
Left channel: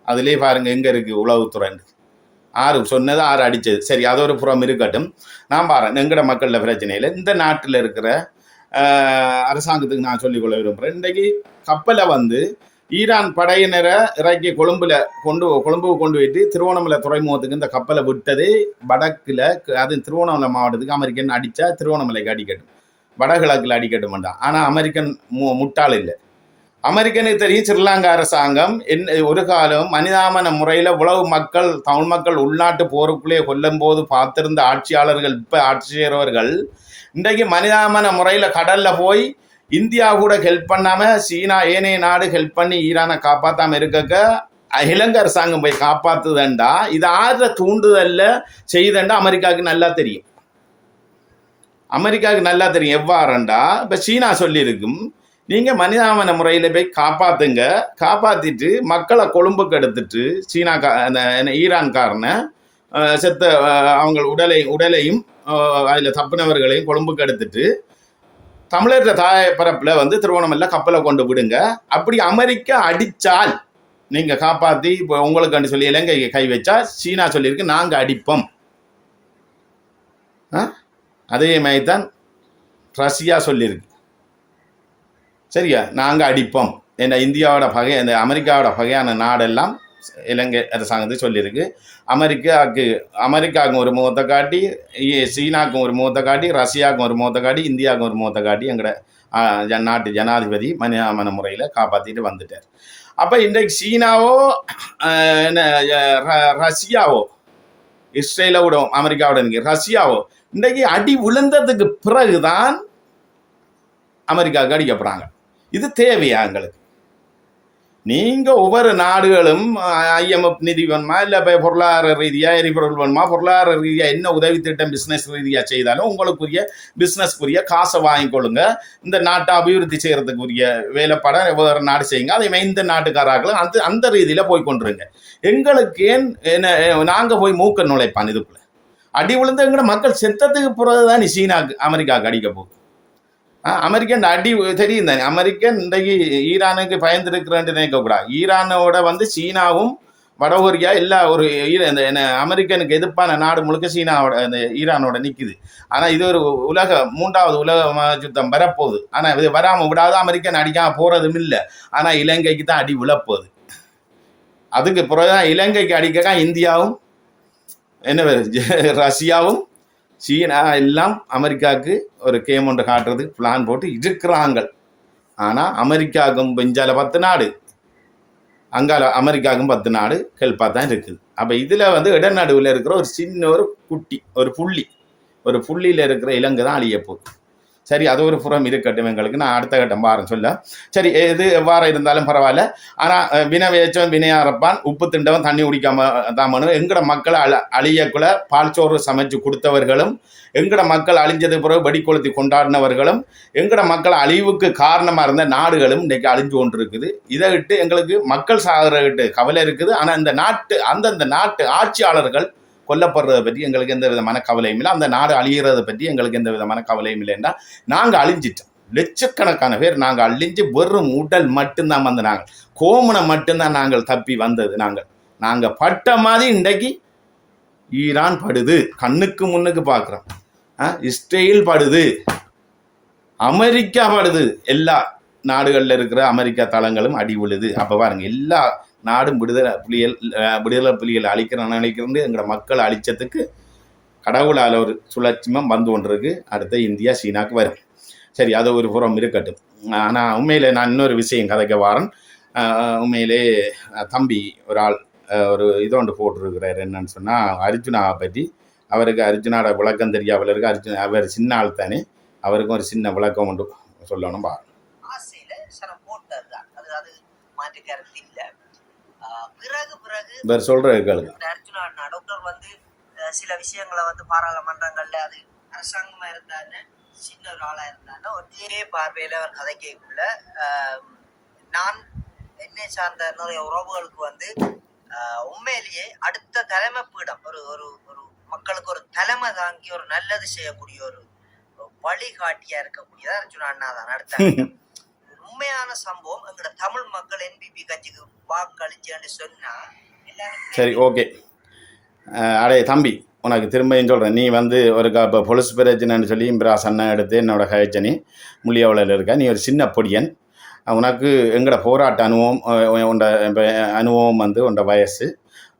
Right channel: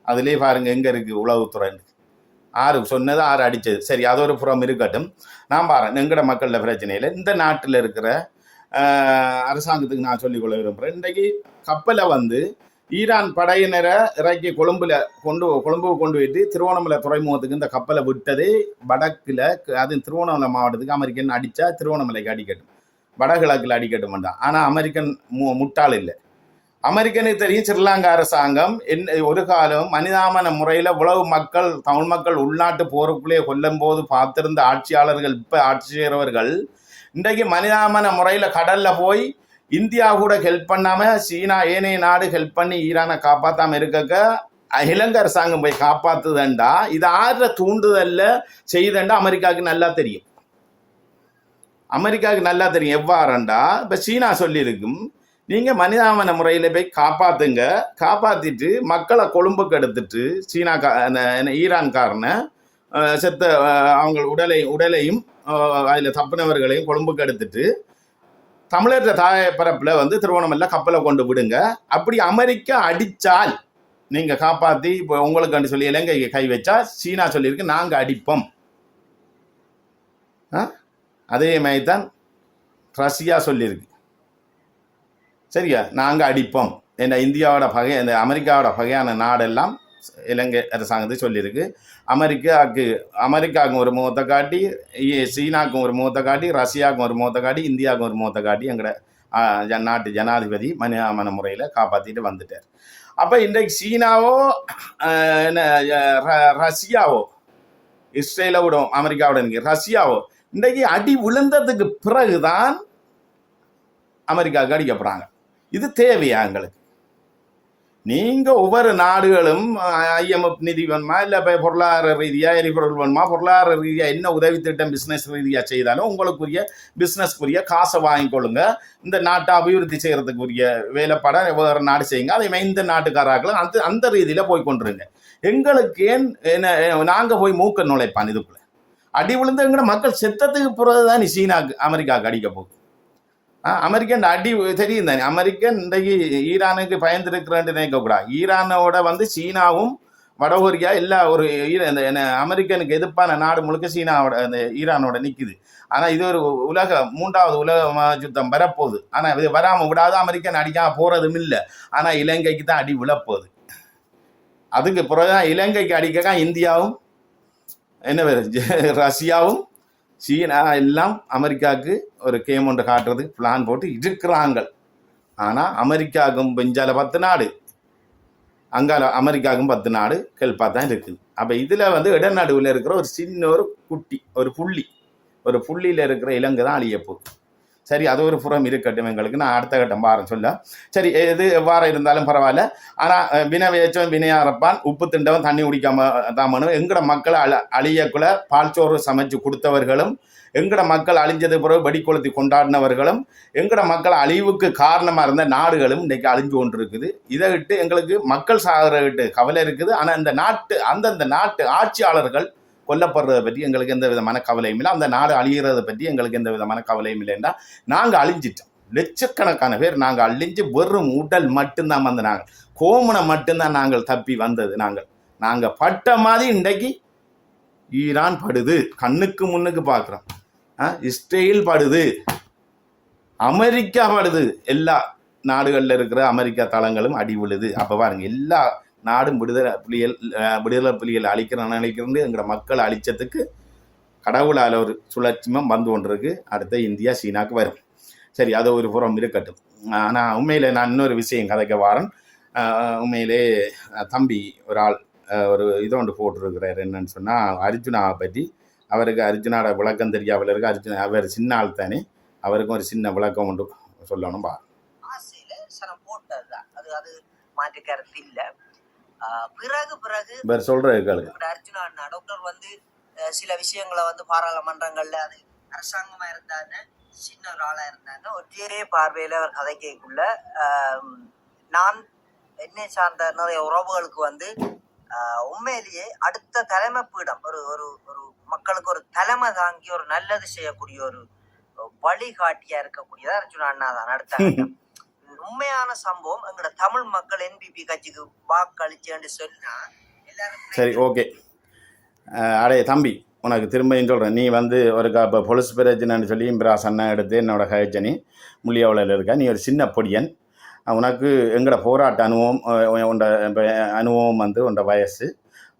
அதுலேயே பாருங்க எங்கே இருக்குது உளவுத்துறை. ஆறு சொன்னது, ஆறு அடித்தது. சரி, அது ஒரு புறம் இருக்கட்டும். நான் பாருங்க எங்கட மக்களில் பிரச்சனையில் இந்த நாட்டில் இருக்கிற அரசாங்கத்துக்கு நான் சொல்லிக்கொள்ள விரும்புகிறேன். இன்றைக்கு கப்பலை வந்து ஈரான் படையினரை இறக்கி கொழும்புக்கு கொண்டு போயிட்டு திருவோணமலை துறைமுகத்துக்கு இந்த கப்பலை விட்டது வடக்கில், அது திருவோணமலை மாவட்டத்துக்கு அமெரிக்கன் அடித்தா திருவோணமலைக்கு அடிக்கட்டும், வடகிழக்கில் அடிக்கட்டும் வேண்டாம். ஆனால் அமெரிக்கன் முட்டாள் இல்லை. அமெரிக்கனுக்கு தெரியும் ஸ்ரீலங்கா அரசாங்கம் ஒரு காலம் மனிதாமன முறையில் உலக மக்கள், தமிழ் மக்கள் உள்நாட்டு போருக்குள்ளே கொல்லும் போது பார்த்திருந்த ஆட்சியாளர்கள், இப்போ ஆட்சி செய்கிறவர்கள் இன்றைக்கு மனிதாமன முறையில் கடலில் போய் இந்தியா கூட ஹெல்ப் பண்ணாமல் சீனா ஏனைய நாடு ஹெல்ப் பண்ணி ஈரானை காப்பாற்றாமல் இருக்க இலங்கை அரசாங்கம் போய் காப்பாற்றுதுண்டா இது ஆறுற தூண்டுதல்ல செய்யுதுண்டா அமெரிக்காவுக்கு நல்லா தெரியும். அமெரிக்காவுக்கு நல்லா தெரியும் எவ்வாறுண்டா இப்போ சீனா சொல்லியிருக்கும், நீங்கள் மனிதாமன முறையில் போய் காப்பாற்றுங்க, காப்பாற்றிட்டு மக்களை கொழும்புக்கு எடுத்துட்டு சீனா ஈரான்காரனை செத்த அவங்க உடலையும் அதில் தப்பினவர்களையும் கொழும்புக்கு எடுத்துட்டு தமிழர்கள் தாய பரப்பில் வந்து திருவோணமலையில் கப்பலை கொண்டு விடுங்க. அப்படி அமெரிக்கா அடித்தால் நீங்கள் காப்பாற்றி இப்போ உங்களுக்கு சொல்லி இலங்கை கை வச்சா சீனா சொல்லியிருக்கு நாங்கள் அடிப்போம். அதே மாதிரி தான் ரஷ்யா சொல்லியிருக்கு, சரியா, நாங்கள் அடிப்போம். என்ன இந்தியாவோட பகை, இந்த அமெரிக்காவோட பகையான நாடெல்லாம் இலங்கை அரசாங்கத்துக்கு சொல்லியிருக்கு. அமெரிக்காவுக்கும் ஒரு முகத்தை காட்டி, சீனாவுக்கும் ஒரு முகத்தை காட்டி, ரஷ்யாவுக்கும் ஒரு முகத்தை காட்டி, இந்தியாவுக்கும் ஒரு முகத்தை காட்டி எங்களோட நாட்டு ஜனாதிபதி மனிதாமன முறையில் காப்பாற்றிட்டு வந்துட்டார். அப்போ இன்றைக்கு சீனாவோ ரஷ்யாவோ இஸ்ரேலை விடும் அமெரிக்காவோட ரஷ்யாவோ இன்றைக்கு அடி விழுந்ததுக்கு பிறகுதான் அமெரிக்காவுக்கு அடிக்கப்படுறாங்க. இது தேவையா எங்களுக்கு? நீங்கள் ஒவ்வொரு நாடுகளும் IMF நிதி வேணுமா, இல்லை இப்போ பொருளாதார ரீதியாக எரிபொருள் வேணுமா, பொருளாதார ரீதியாக என்ன உதவி திட்டம் பிஸ்னஸ் ரீதியாக செய்தாலும் உங்களுக்குரிய பிஸ்னஸ்க்குரிய காசை வாங்கிக்கொள்ளுங்க. இந்த நாட்டை அபிவிருத்தி செய்கிறதுக்குரிய வேலைப்பாட வேறு நாடு செய்யுங்க. அதே மாதிரி இந்த நாட்டுக்காரர்களும் அந்த ரீதியில் போய் கொண்டுருங்க. எங்களுக்கு ஏன் நாங்கள் போய் மூக்க நுழைப்பான் இதுக்குள்ள அடி விழுந்து எங்களோட மக்கள் செத்ததுக்கு பிறகு தான் சீனாவுக்கு அமெரிக்காவுக்கு அடிக்க போகுது. அமெரிக்கன் அடி தெரியும் தானே. அமெரிக்கன் இன்றைக்கு ஈரானுக்கு பயந்துருக்கிறேன்னு நினைக்கக்கூடாது. ஈரானோட வந்து சீனாவும் வடகொரியா எல்லா ஒரு அமெரிக்கனுக்கு எதிர்ப்பான நாடு முழுக்க சீனாவோட அந்த ஈரானோட நிற்குது. ஆனால் இது ஒரு மூன்றாவது உலக யுத்தம் வரப்போகுது. ஆனால் இது வராமல் விடாது, அமெரிக்கன் அடிக்காமல் போகிறதும் இல்லை. ஆனால் இலங்கைக்கு தான் அடி விழப்போகுது. அதுக்கு பிறகுதான் இலங்கைக்கு அடிக்க இந்தியாவும் ரஷ்யாவும் சீனா எல்லாம் அமெரிக்காவுக்கு ஒரு கேம் ஒன்று காட்டுறதுக்கு பிளான் போட்டு இருக்கிறாங்க. ஆனால் அமெரிக்காவுக்கும் பெஞ்சால 10 நாடு, அங்கால அமெரிக்காவுக்கும் 10 நாடு ஹெல்ப்பாக தான் இருக்குது. அப்போ இதில் வந்து இடநடுவில் இருக்கிற ஒரு சின்ன ஒரு புள்ளியில் இருக்கிற இலங்கை தான் அழியப்போகுது. சரி, அது ஒரு புறம் இருக்கட்டும். எங்களுக்கு நான் அடுத்த கட்டம் பாருன்னு சொல்ல. சரி, எது எவ்வாறு இருந்தாலும் பரவாயில்ல. ஆனால் வினவேச்சவன் வினையாரப்பான், உப்பு திண்டவன் தண்ணி குடிக்காம தாமனும். எங்கட மக்களை அழியக்குள்ள பால்சோறு சமைச்சு கொடுத்தவர்களும், எங்கட மக்கள் அழிஞ்சது பிறகு வெடிக்கொளுத்தி கொண்டாடினவர்களும், எங்கட மக்கள் அழிவுக்கு காரணமாக இருந்த நாடுகளும் இன்றைக்கு அழிஞ்சு கொண்டு இருக்குது. இதை விட்டு எங்களுக்கு மக்கள் சாகிறகிட்டு கவலை இருக்குது. ஆனால் இந்த அந்தந்த நாட்டு ஆட்சியாளர்கள் கொல்லப்படுறதை பற்றி எங்களுக்கு எந்த விதமான கவலையும் இல்லை. அந்த நாடு அழிகிறதை பற்றி எங்களுக்கு எந்த விதமான கவலையும் இல்லைன்னா நாங்கள் அழிஞ்சிட்டோம். லட்சக்கணக்கான பேர் நாங்கள் அழிஞ்சு வெறும் உடல் மட்டும்தான் வந்து நாங்கள் கோமனை மட்டும்தான் நாங்கள் தப்பி வந்தது. நாங்கள் பட்ட மாதிரி இன்றைக்கு ஈரான் படுது, கண்ணுக்கு முன்னுக்கு பார்க்குறோம். இஸ்ரேல் படுது, அமெரிக்கா படுது, எல்லா நாடுகளில் இருக்கிற அமெரிக்கா தளங்களும் அடி விழுது. அப்போ பாருங்க, எல்லா நாடும் விடுதலை புலிகள் அழிக்கிறது எங்களோட மக்களை அழிச்சதுக்கு கடவுளால் ஒரு சுழற்சிமம் வந்து கொண்டிருக்கு. அடுத்த இந்தியா சீனாவுக்கு வரும். சரி, அது ஒரு புறம் இருக்கட்டும். ஆனால் உண்மையிலே நான் இன்னொரு விஷயம் கதைக்க வாரன். உண்மையிலே தம்பி ஒரு ஆள் ஒரு இதோண்டு போட்டிருக்கிறார். என்னன்னு சொன்னால் அர்ஜுனாவை பற்றி. அவருக்கு அர்ஜுனாவோட விளக்கம் தெரியாமல் இருக்கு. அவர் சின்ன ஆள் தானே, அவருக்கும் ஒரு சின்ன விளக்கம் ஒன்று சொல்லணும் பாருங்க. அர்ஜுனா டாக்டர் வந்து சில விஷயங்களை வந்து பாராளுமன்றங்கள்ல அது அரசாங்கமா இருந்தாங்க சின்ன ஒரு ஆளா இருந்தாலும் ஒரே பார்வையில அவர் கதைக்குள்ள நான் என்னை சார்ந்த நிறைய உறவுகளுக்கு வந்து உண்மையிலேயே அடுத்த தலைமை பீடம் ஒரு ஒரு ஒரு மக்களுக்கு ஒரு தலைமை தாங்கி ஒரு நல்லது செய்யக்கூடிய ஒரு வழிகாட்டியா இருக்கக்கூடியதா அர்ஜுனா அண்ணா தான் நடத்தாங்க. உண்மையான சம்பவம் எங்களோட தமிழ் மக்கள் என்பிபி கட்சிக்கு வாக்களிச்சேன்னு சொன்னா எல்லாரும் சரி, ஓகே. அடே தம்பி, உனக்கு திரும்பியும் சொல்கிறேன். நீ வந்து ஒரு இப்போ பொலிஸ் பிரச்சனைன்னு சொல்லி இம்பிராஸ் அண்ணன் எடுத்து என்னோட கயச்சனி முள்ளியவளையில் இருக்க. நீ ஒரு சின்ன பொடியன். உனக்கு எங்களோட போராட்ட அனுபவம் உண்ட அனுபவம் வந்து உண்ட வயசு.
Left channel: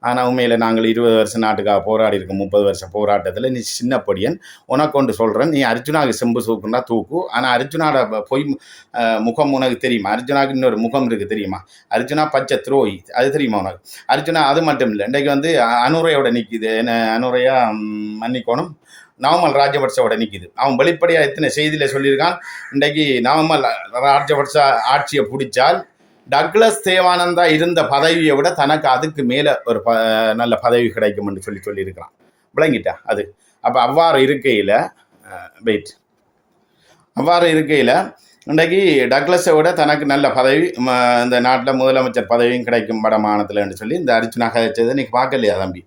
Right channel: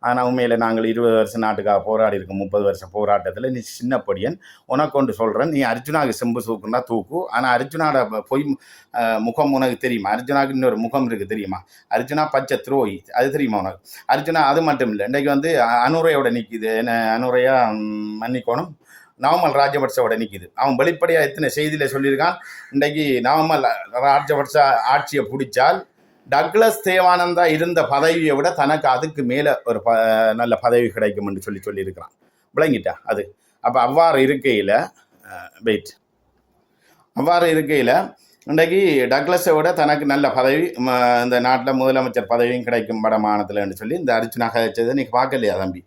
ஆனால் உண்மையில் நாங்கள் 20 வருஷம் நாட்டுக்காக போராடி இருக்கோம். 30 வருஷம் போராட்டத்தில் நீ சின்ன பொடியன். உனக்கு ஒன்று சொல்கிறேன், நீ அர்ஜுனாவுக்கு செம்பு தூக்குன்னா தூக்கு. ஆனால் அர்ஜுனாவோட பொய் முகம் உனக்கு தெரியுமா? அர்ஜுனாவுக்கு இன்னொரு முகம் இருக்குது தெரியுமா? அர்ஜுனா பச்சை துரோகி, அது தெரியுமா உனக்கு? அர்ஜுனா அது மட்டும் இல்லை, இன்றைக்கு வந்து அனுரையோட நிற்கிது. என்ன அனுரையா மன்னிக்கோணும், நவமல் ராஜபக்சோட நிற்கிது. அவன் வெளிப்படையாக எத்தனை செய்தியில் சொல்லியிருக்கான். இன்றைக்கு நவமல் ராஜபக்ச ஆட்சியை பிடிச்சால் டக்ளஸ் தேவானந்தா இருந்த பதவியை விட தனக்கு அதுக்கு மேலே ஒரு நல்ல பதவி கிடைக்கும்னு சொல்லியிருக்கிறான். விளங்கிட்டா அது? அப்போ அவ்வாறு இருக்கையில் இன்றைக்கு டக்ளஸை விட தனக்கு நல்ல பதவி இந்த நாட்டில் முதலமைச்சர் பதவியும் கிடைக்கும் வடமானத்தில்னு சொல்லி இந்த அர்ஜுனா கதைச்சதை நீ பார்க்கலையா தம்பி?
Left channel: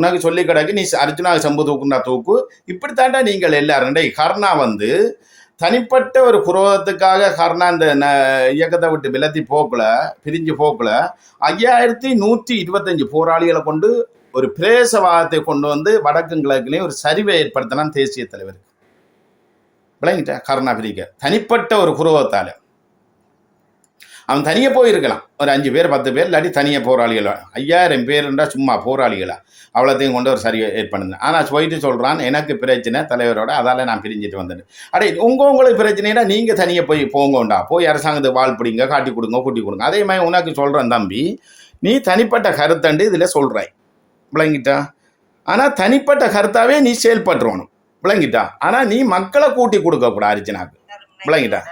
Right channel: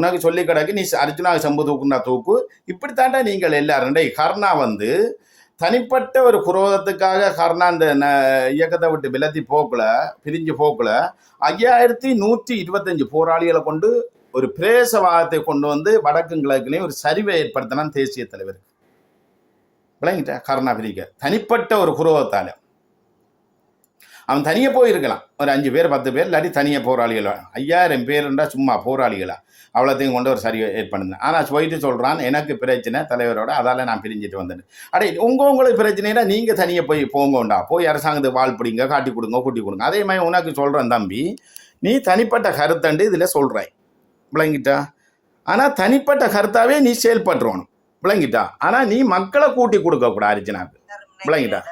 உனக்கு சொல்லி கிடக்கு, நீ அர்ஜுனாவை செம்பு தூக்குண்டா தூக்கு. இப்படித்தாண்டா நீங்கள் எல்லாரும். கர்ணா வந்து தனிப்பட்ட ஒரு குரோதத்துக்காக கர்ணா இந்த இயக்கத்தை விட்டு விலத்தி பிரிஞ்சு போக்குல 5125 போராளிகளை கொண்டு ஒரு பிரேசவாதத்தை கொண்டு வந்து வடக்கு கிழக்குலையும் ஒரு சரிவை ஏற்படுத்தினான் தேசிய தலைவர். விளங்கிட்ட? கர்ணா பிரிக்க தனிப்பட்ட ஒரு குரோதத்தால அவன் தனியே போயிருக்கலாம். ஒரு 5 பேர் 10 பேர் இல்லாட்டி தனியே போராளிகள். 5000 பேருன்றா சும்மா போராளிகளா அவ்வளோத்தையும் கொண்டு ஒரு சரி ஏற்படுது. ஆனால் போயிட்டு சொல்கிறான், எனக்கு பிரச்சனை தலைவரோட, அதால் நான் பிரிஞ்சுட்டு வந்துட்டேன். அடே உங்களுக்கு பிரச்சனைனா நீங்கள் தனியாக போங்கோண்டா, போய் அரசாங்கத்துக்கு வாழ் பிடிங்க, காட்டி கொடுங்க, கூட்டி கொடுங்க. அதே மாதிரி உனக்கு சொல்கிறேன் தம்பி, நீ தனிப்பட்ட கருத்தண்டு இதில் சொல்கிறாய். விளங்கிட்டா? ஆனால் தனிப்பட்ட கருத்தாவே நீ செயல்பட்டுறணும். விளங்கிட்டா? ஆனால் நீ மக்களை கூட்டி கொடுக்கக்கூடாது அர்ஜுனாக்கு. விளங்கிட்டா?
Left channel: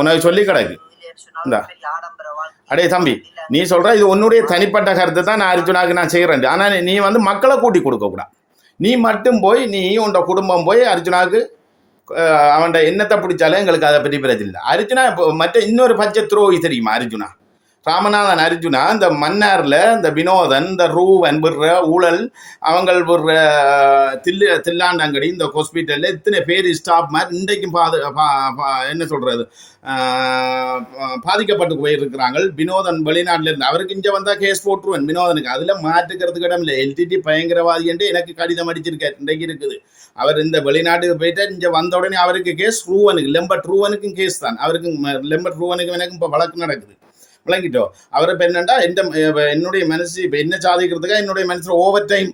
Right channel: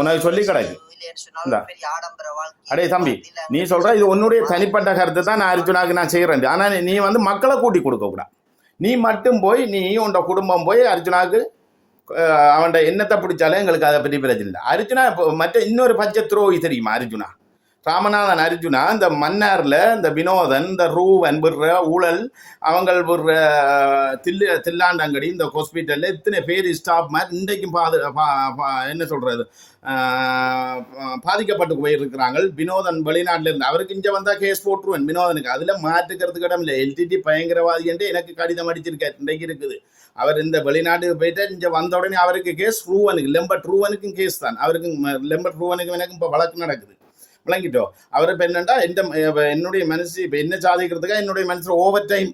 உனக்கு சொல்லி கிடையாது. அடே தம்பி, நீ சொல்ற இது உன்னுடைய தனிப்பட்ட கருத்து தான், நான் அர்ஜுனாக்கு நான் செய்கிறேன். ஆனால் நீ வந்து மக்களை கூட்டி கொடுக்க கூடாது. நீ மட்டும் போய் நீ உன் குடும்பம் போய் அர்ஜுனாக்கு அவன் என்னத்தை பிடிச்சாலும் எங்களுக்கு அதை பற்றி பிரச்சனை இல்லை. அர்ஜுனா மற்ற இன்னொரு பச்சை துரோகி தெரியுமா? அர்ஜுனா ராமநாதன் அர்ஜுனா இந்த மன்னாரில் இந்த வினோதன், இந்த ரூவன் விடுற ஊழல், அவங்க விடுற தில்லாண்டங்கடி, இந்த ஹாஸ்பிட்டலில் இத்தனை பேர் ஸ்டாப் மாதிரி இன்றைக்கும் என்ன சொல்கிறது பாதிக்கப்பட்டு போயிருக்கிறாங்க. வினோதன் வெளிநாட்டில் இருந்து அவருக்கு இங்கே வந்தால் கேஸ் போட்டுருவேன் வினோதனுக்கு. அதில் மாற்றுக்கிறதுக்கு இடம் இல்லை. எல்டிடி பயங்கரவாதி என்று எனக்கு கடிதம் அடிச்சிருக்காரு. இன்றைக்கு இருக்குது. அவர் இந்த வெளிநாட்டுக்கு போயிட்டு இங்கே வந்த உடனே அவருக்கு கேஸ், ரூவனுக்கு லெம்பட் ரூவனுக்கும் கேஸ் தான். அவருக்கும் லெம்பட் ரூவனுக்கும் எனக்கும் இப்போ வழக்கு நடக்குது. விளங்கிட்டோம்? அவர் இப்போ என்னென்னா என்னுடைய மனசு இப்போ என்ன சாதிக்கிறதுக்காக என்னுடைய மனசில் ஓவர் டைம்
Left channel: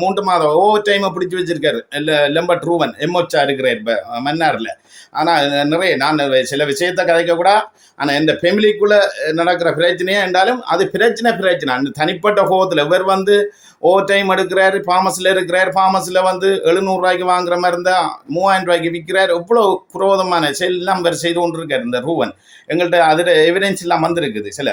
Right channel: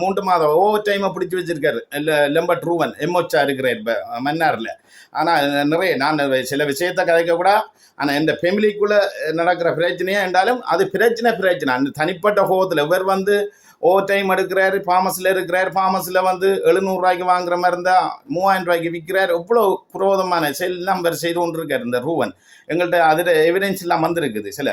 3 மாதம் ஓவர் டைமை பிடிச்சி வச்சிருக்காரு லெம்பட் ரூவன் எம்ஓச்சா இருக்கிறார் இப்போ மன்னாரில். ஆனால் நிறைய நான் சில விஷயத்தை கதைக்கக்கூடா. ஆனால் இந்த ஃபேமிலிக்குள்ளே நடக்கிற பிரச்சனையே என்றாலும் அது பிரச்சனை அந்த தனிப்பட்ட கோபத்தில் இவர் வந்து ஓவர் டைம் எடுக்கிறாரு, ஃபார்மஸில் இருக்கிறார். ஃபார்மஸில் வந்து 700 ரூபாய்க்கு வாங்குற மாதிரி இருந்தால் 3000 ரூபாய்க்கு விற்கிறார். எவ்வளோ புரோதமான எல்லாம் அவர் செய்து கொண்டு இருக்கார் இந்த ரூவன். எங்கள்கிட்ட அதில் எவிடன்ஸ் எல்லாம் வந்துருக்குது சில.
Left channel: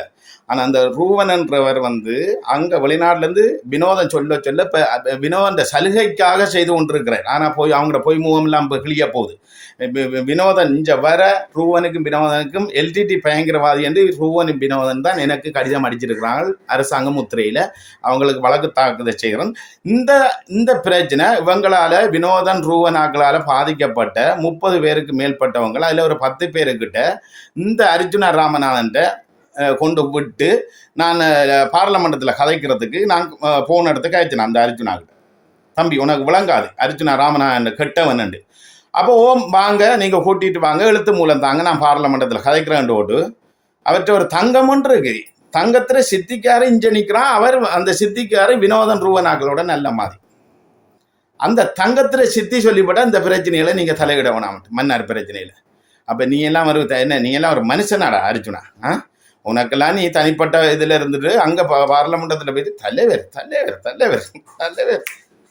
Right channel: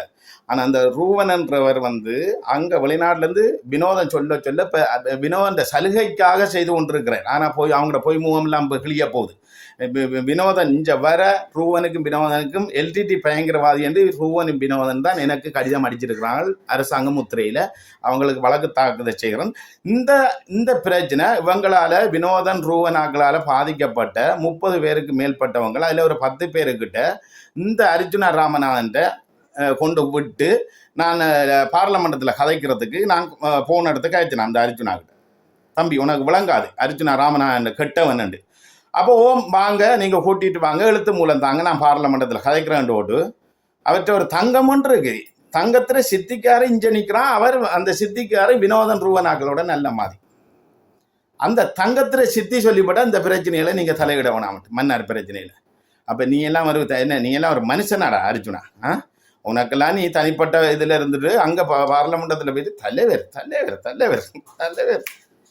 ஆனால் அந்த ரூவன் என்றவர் வந்து அங்கே வெளிநாட்டிலேருந்து வினோதன் சொல்ல இப்போ வினோதன் சலுகைக்காக செய்து கொண்டிருக்கிறார். ஆனால் போய் அவங்களோட போய் முகம் எல்லாம் இப்போ கிளிய போகுது. வினோதன் இங்கே வர ரூவனுக்கும் வினோதனுக்கும் எல்டிடி பயங்கரவாதி என்று ரூவனும் வினோதன் தான் எனக்கு கடிதம் அடிச்சிருக்கிறாங்க அரசாங்க முத்திரையில். அவங்களுக்கு வழக்கு தாக்குதல் செய்கிறோம். இந்த பிரச்சனை இவங்களால் வினோதன் ரூவனாக்களால் பாதிக்கப்பட்ட 30 பேருக்கு மேற்பட்டவங்க, அதில் ஒரு 10 பேருக்கிட்ட இந்த அர்ஜுனா ராமநாதன்கிட்ட கொண்டு விட்டு நான் பார்லமெண்டத்தில் கதைக்கிறதுக்கு நான் போன இடத்துக்கு ஆயிடுச்சு. அந்த அர்ஜுனாவுக்கு, தம்பி உனக்கு விளங்காது அர்ஜுனா ராமநாதன் கெட்டவன். அப்போ வாங்க நீங்கள் கூட்டிகிட்டு வாங்க, எழுத்து மூலம் தாங்க, நான் பார்லமெண்டத்தில் கதைக்கிறேன் ஓட்டு. அவர்கிட்ட ஒரு தங்கம் ஒன்று இருக்கு. தங்கத்தில் சித்திக்காரு இஞ்ச நிற்கிறான். அவர் அந்த சித்திக்காரு வினோதன் ரூவனாக்களோட நல்ல மாதிரி. அந்த தங்கத்தில் சித்தி சொல்லிப்பட்ட இந்த பிரச்சனையில நீங்கள் தலையிட வேணாம், மன்னார் பிரச்சனையில். அப்போ நீ எல்லாம் என்ன நீ எல்லாம் ஒரு மனுஷனாடா அர்ஜுனா? உனக்கெல்லாம் நீ தனிப்பட்ட இதில் இருந்துட்டு அங்கே பார்லமெண்டத்தில் போயிட்டு தலைவர் தலைவர் தலைவர் தலைவர்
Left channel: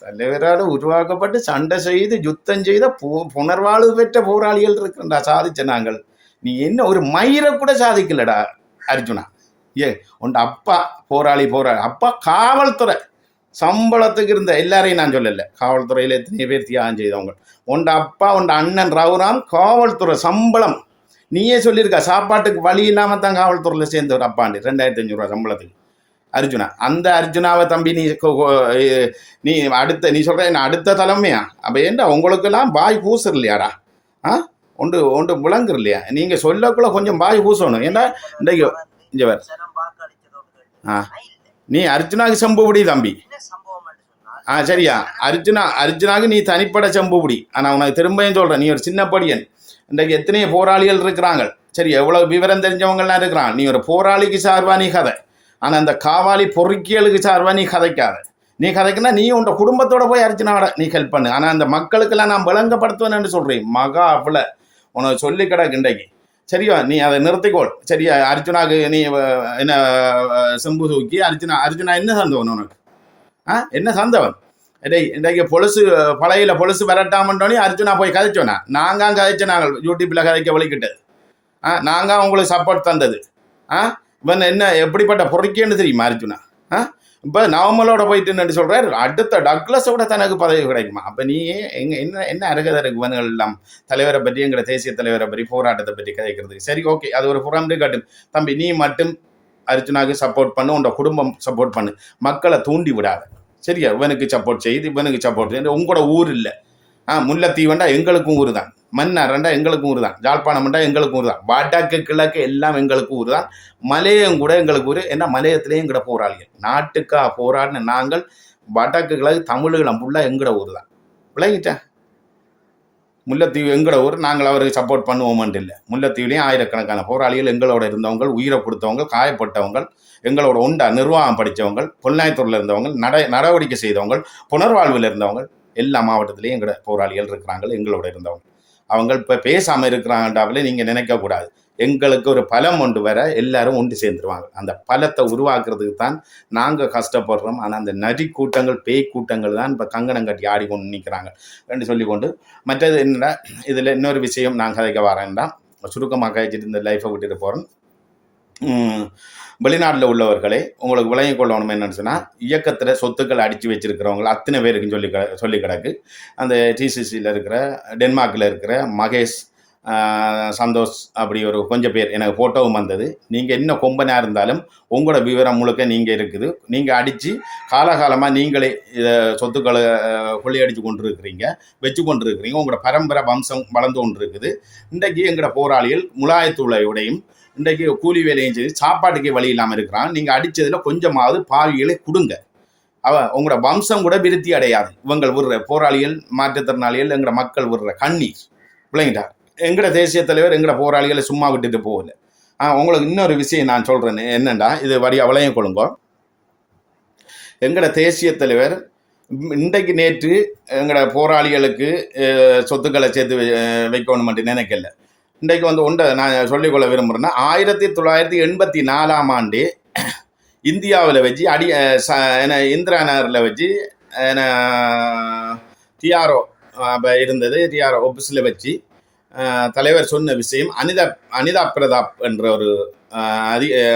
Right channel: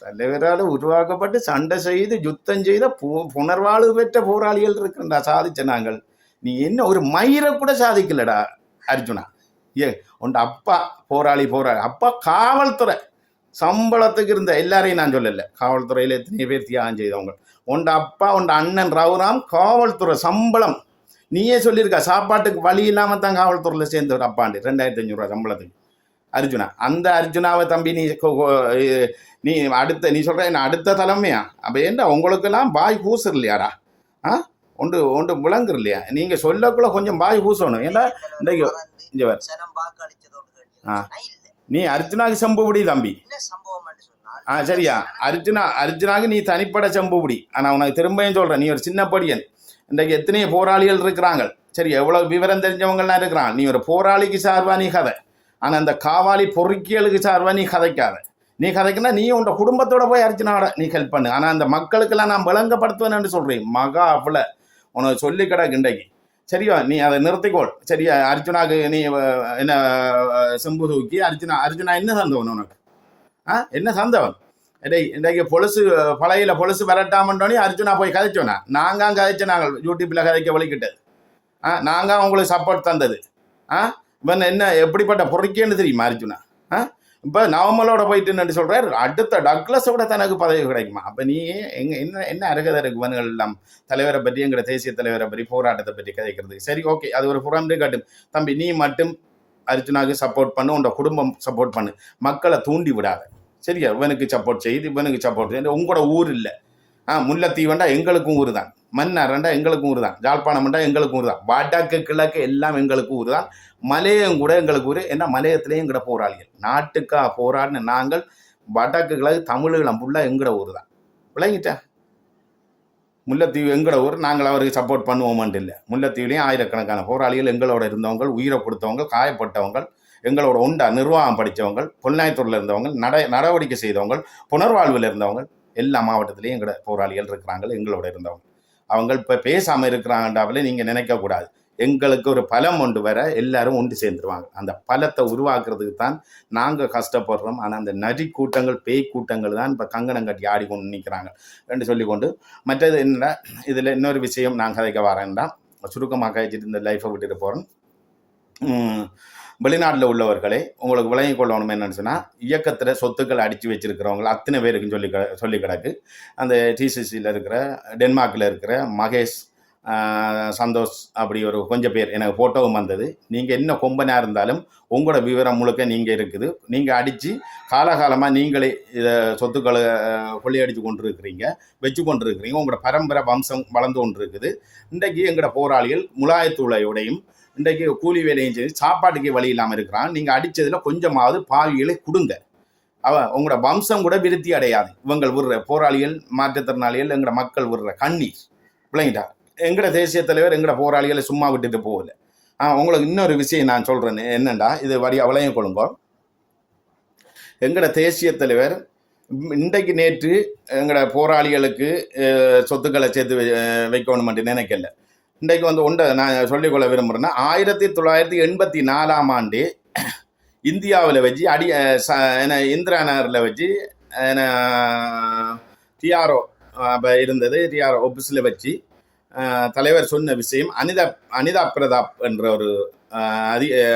தலைவரால் உருவாக்கப்பட்டு சண்டை செய்து யுத்தம் செய்த புனர்வாழ்வு பெற்ற போராளிகள் இருக்குண்டா சாதிச்ச நாங்கள். நீ என்ன ஒரு மயிரை கூட சாதிக்கலடா அர்ஜுனா. உண்ட அப்பா போராளி அப்பா காவல்துறை சம்பளத்துக்கு இருந்த எல்லாரையும் நான் சொல்லலை. காவல்துறையில் எத்தனை பேர் தியாகம் செய்தவங்க. உண்ட அப்பா உண்ட அண்ணன் ரவுராம் காவல்துறை சம்பளம் நீயே சொல்லியிருக்க சாப்பாட்டுக்கு வழி இல்லாமல் தான் காவல்துறையில் சேர்ந்த ஒரு அப்பாண்டு 2500 சம்பளத்துக்கு அர்ஜுனா. அந்த அர்ஜுனாவை தம்பி நீ நீ சொல்ற என்ன அடுத்த தலைமையா? அப்போ ஏண்டா உங்களுக்கெல்லாம் பாய் பூசுற இல்லையாடா? ஒன்று ஒன்று விளங்குற இல்லையா? நீங்கள் சொல்லக்குள்ள கொஞ்சம் பாய் பூசணும். ஏன்னா இன்றைக்கு இங்கே வேறு நீ அர்ஜுனாக்கு செம்புபடி தம்பி. சரியா அர்ஜுனாக்கு நீ தனிப்பட செம்புபடி. ஆனால் உனக்கு திரும்பியும் சொல்கிறேன், நீ ஒரு சின்ன படியன். இன்றைக்கு எத்தனையோ போராளிகள் இருக்கிறாங்க. சரி, எவ்வளோ விவரம் தெரிஞ்சவங்கலாம் இருக்கிறான். நீ ஒரு போராளிக்கு சார்பா நீ கதை. ஆனால் அந்த காவாலி பொறுக்கியலுக்கு சார்பா நீ கதைக்காத. நீ கதைக்குன்னா நீ உன் குடும்பத்தோட போய் அர்ஜுனாவோட நீ ஹெல்ப் பண்ணு. ஆனால் அந்த மக்களுக்கெல்லாம் நான் விளங்கப்படுத்துவேன்னு சொல்கிறேன். மகா அவ்வளோ உனக்கு சொல்லி கிடக்கு இன்றைக்கு. சரியா, நீ அதை நிறுத்திக்கோள். சரியா, அர்ஜுனாக்கு நீ என்ன செம்பு தூக்கி அர்ஜுனா என்ன சந்தவன் உனக்கு? என்ன சந்தவன்? இன்றைக்கு பழையில பொழுசு விரட்டாமன்றோனே அர்ஜுனா போய் கதைச்சோனா? நாங்கள் கதைச்ச நாங்கள் யூடியூப்பில் கதைக்க வலிக்கிட்டது. நாங்கள் உங்களுக்கு சப்போர்ட் தந்தது. இவன் என்ன எப்படிப்பட்ட பொறுக்கேன்னு தெரியுமா அர்ஜுனா? இப்போ நவமலோட போயிட்டுன்னு சொல்கிறார், அடுத்த டக்ளஸோட தனக்கு பதவி கிடைக்குமா? அப்போ நீ என்ன அருகதை இருக்கு இவங்கள் எல்லாம் தலைவரை பற்றி, எங்களை தேசிய தலைவரை பற்றி, போராட்டத்தை பற்றி கதைக்கிறதுக்கு? சரி, ஓகே, அது ஒரு புறம்பே காட்டு. தம்பி, நீ மட்டும் அர்ஜுனாவுக்கு சப்போர்ட் பண்ணு, உன்னோட குடும்பம் சப்போர்ட் பண்ணு, மக்களை தூண்டி விடாது. சரியா, இவனுக்கு சப்போர்ட் செய்து இவனுக்கு சப்போர்ட் செய்து. உங்களோட ஊர் இல்லை. முல்லைத்தீவண்டா எங்களுக்கும் ஊர் தான், மன்னார்ண்டா எங்களுக்கும் ஊர் தான், ஜாழ்ப்பாணம்ண்டா எங்களுக்கும் ஊர் தான், வடக்கு கிழக்கு எல்லாம் எங்களுக்கு ஊர் தான், மலையம் கூட எங்களுக்கு ஊர். ஏன்னா மலையத்திலேயும் எங்கட போராளிகள் நாட்டுக்கா போராடின நாங்கள். வடக்கு கிழக்கு தமிழீழம் ஃபுல்லாக எங்கட ஊர் தான். விளங்கிட்டேன்? முல்லைத்தீவு எங்கட ஊர். நாங்கள் அவருக்கு சப்போர்ட் பண்ணுவோம்ட்டு இல்லை. முல்லைத்தீவுலேயும் ஆயிரக்கணக்கான போராளிகள் எங்களோட இருந்தவங்க, உயிரை கொடுத்தவங்க, காயப்பட்டவங்க, எங்களோட ஒண்டா நிர்வாகம் படித்தவங்க, பொன்னாய்த்தூரில் இருந்தவங்க, நடவடிக்கை செய்தவங்க, புனர்வாழ்வில் இருந்தவங்க, எல்லா மாவட்டத்திலையும் எங்களோட போராளிகள் இருக்கிறாங்க எங்களோட இருந்தவங்க. அவங்க இப்போ பேசாமல் இருக்கிறாங்கன்றாவிலே நீங்கள் நினைக்கக்கூடாது. எங்களுக்கு ஒரு பலம் ஒன்று வர எல்லாரும் ஒன்று சேர்ந்துருவாங்க. அந்த பலத்தை உருவாக்குறதுக்கு தான் நாங்கள் கஷ்டப்படுறோம். ஆனால் அந்த நரி கூட்டங்கள், பேய் கூட்டங்கள் தான் இப்போ கங்கணம் கட்டி ஆடிக்கொண்டு நிற்கிறாங்க என்று சொல்லிக்கொண்டு, மற்றது என்னடா இதில் இன்னொரு விஷயம் நான் கதைக்க வரேன்டா, சுருக்கமாக கழிச்சிட்டு இந்த லைஃப்பை விட்டுட்டு போகிறேன். வெளிநாட்டில் உள்ளவர்களே உங்களுக்கு விளங்கி கொள்ளணும் என்னன்னு சொன்னால், இயக்கத்தில் சொத்துக்கள் அடித்து வச்சிருக்கிறவங்க அத்தனை பேருக்குன்னு சொல்லி கிடக்கு. அந்த டிசிசியில் இருக்கிற, டென்மார்க்கில் இருக்கிற மகேஷ், சந்தோஷ், அப்படி ஒரு கொஞ்சம் பேர் எனக்கு ஃபோட்டோவும் வந்தது. நீங்கள் என்ன கொம்பனாக இருந்தாலும் உங்களோட விவரம் முழுக்க நீங்கள் இருக்குது. நீங்கள் அடித்து காலகாலமாக நீங்களே சொத்துக்களை கொள்ளையடித்து கொண்டு இருக்கிறீங்க, வச்சு கொண்டு இருக்கிறீங்க. உங்களோட பரம்பரை வம்சம் வளர்ந்து கொண்டு இருக்குது. இன்றைக்கு எங்களோட போராளிகள் முலாயத்துளையுடையும் இன்றைக்கு கூலி வேலையும் சரி, சாப்பாட்டுக்கு வழி இல்லாமல் இருக்கிறான். நீங்கள் அடித்ததில் கொஞ்சமாவது பாவிகளை கொடுங்க. உங்களோட வம்சம் கூட விருத்தி அடையாது. இவங்கள் விடுற போராளிகள், மாற்றுத்திறனாளிகள், எங்களோட மக்கள் விடுற கண்ணீர். விளங்கிட்டார்? எங்களோட தேசிய தலைவர் எங்களோட போராளிகளை சும்மா விட்டுட்டு போகல. உங்களுக்கு இன்னொரு விஷயம் நான் சொல்கிறேன் என்னண்டா, இது வழியாக விளைய கொள்ளுங்க. எங்களோட தேசிய தலைவர் இன்றைக்கு நேற்று எங்களோட போராளிகளுக்கு சொத்துக்களை சேர்த்து வைக்கணும் மட்டும் நினைக்கல. இன்றைக்கு ஒன்றை நான் சொல்லிக்கொள்ள விரும்புகிறேன்னா, 1984 ஆண்டு இந்தியாவில் வச்சு இந்திரா நகரில் வச்சு டிஆர்ஓ இருந்தது. டிஆர்ஓ ஆஃபீஸில் வச்சு தலைவர் சொன்ன விஷயம், அனிதா பிரதாப் என்ற ஒரு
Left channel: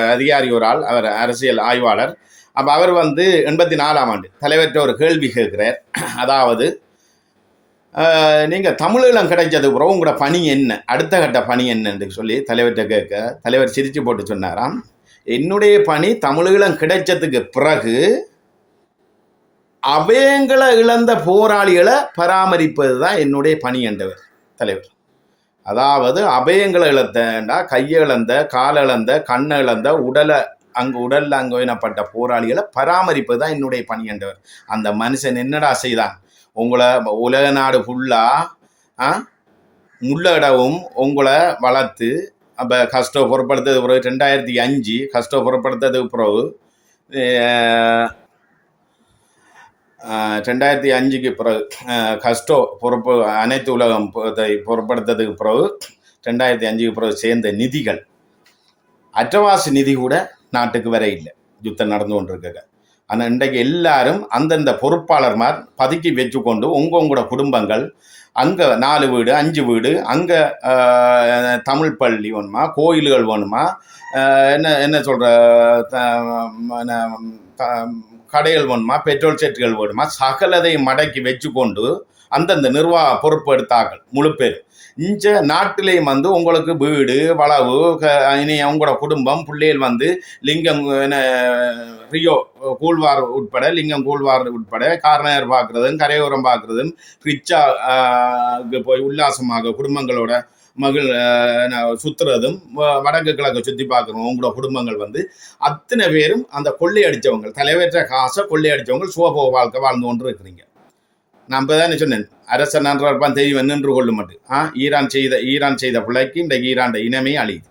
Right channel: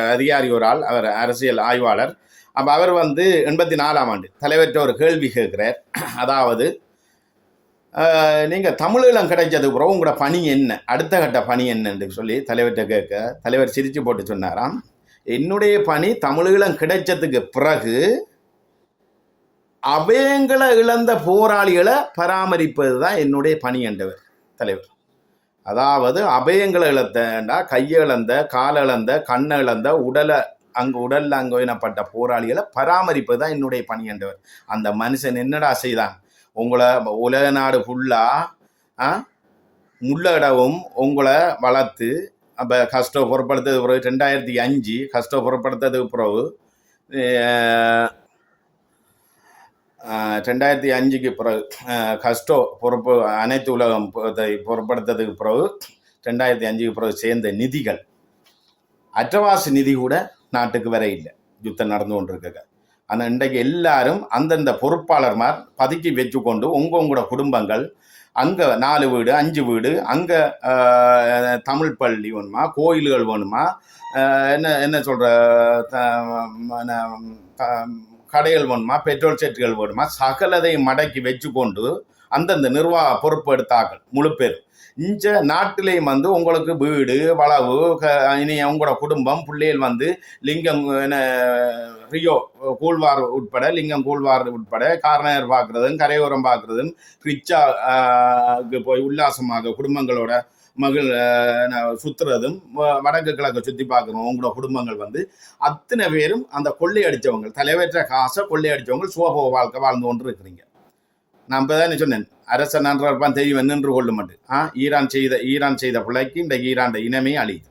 அதிகாரி, ஒரு ஆள், அவர் அரசியல் ஆய்வாளர். அப்போ அவர் 84 ஆண்டு தலைவர்கிட்ட ஒரு கேள்வி கேட்குறார். அதாவது, நீங்கள் தமிழீழம் கிடைச்சது பிறகு உங்களோட பணி என்ன, அடுத்த கட்ட பணி என்னன்னு சொல்லி தலைவர்கிட்ட கேட்க, தலைவர் சிரிச்சு போட்டு சொன்னாராம், என்னுடைய பணி தமிழீழம் கிடைச்சதுக்கு பிறகு அவங்களை இழந்த போராளிகளை பராமரிப்பது தான் என்னுடைய பணி என்றவர் தலைவர். அதாவது அபயங்களை இழந்தா, கையை இழந்த, கால இழந்த, கண்ணை இழந்த, உடல்ல அங்கோயினப்பட்ட போராளிகளை பராமரிப்பது தான் என்னுடைய பணி என்றவர். அந்த மனுஷன் என்னடா செய்தான்? உங்களை உலக நாடு ஃபுல்லாக முள்ளடவும் உங்களை வளர்த்து, அப்போ கஷ்டம் பொருட்படுத்தது பிறகு 2005 கஷ்டம் பொருட்படுத்ததுக்கு பிறகு 2005க்கு பிறகு பொறுப்பு அனைத்து உலகம் பொருட்படுத்ததுக்கு பிறகு 2005க்கு பிறகு சேர்ந்த நிதிகள், அற்றவாசி நிதி கூட நாட்டுக்கு வர இல்லை, யுத்தம் நடந்து கொண்டிருக்க. ஆனால் இன்றைக்கு எல்லாரும் அந்தந்த பொறுப்பாளர்மார் பதுக்கி வச்சு கொண்டு உங்களோட குடும்பங்கள் அங்கே 4 வீடு 5 வீடு, அங்கே தமிழ் பள்ளி வேணுமா, கோயில்கள் வேணுமா, என்ன சொல்கிற கடைகள் வேணுமா, பெட்ரோல் செட்டுகள் வேணுமா, சகலதை மடக்கி வச்சு கொண்டு அந்தந்த நிர்வாக பொறுப்பு எடுத்தார்கள் முழு பேர். இந்த நாட்டிலையும் வந்து உங்களுக்கு வீடு வளவு இனி அவங்களோட குடும்பம் பிள்ளைகள் வந்து லிங்கம் ரியோ கூழ்வார் உட்பட லிங்கம் கூழ்வார் உட்பட கார்னர் பார்க்குறதும் கரையோரம் பார்க்குறதும் ரிச்சா போய் உல்லாசமாக குடும்பங்களோட மகள் சுற்றுறதும் வடக்கு கிழக்கு சுற்றி பார்க்குறோம். உங்களோட குடும்பங்கள் வந்து அத்தனை பேரும் அந்த கொள்ளையடித்தவங்க தலைவற்ற காசை கொள்ளையடித்தவங்க சுகபோக வாழ்க்கை வாழ்ந்து கொண்டு இருக்கிறீங்க. நான் இப்போ தானே சொன்னேன் அரசன் நன்றான் தெரியும் நின்று கொள்ள மாட்டேன். ஈரான் செய்த பிள்ளைக்கு இந்த ஈரான் இனமே அழியுது.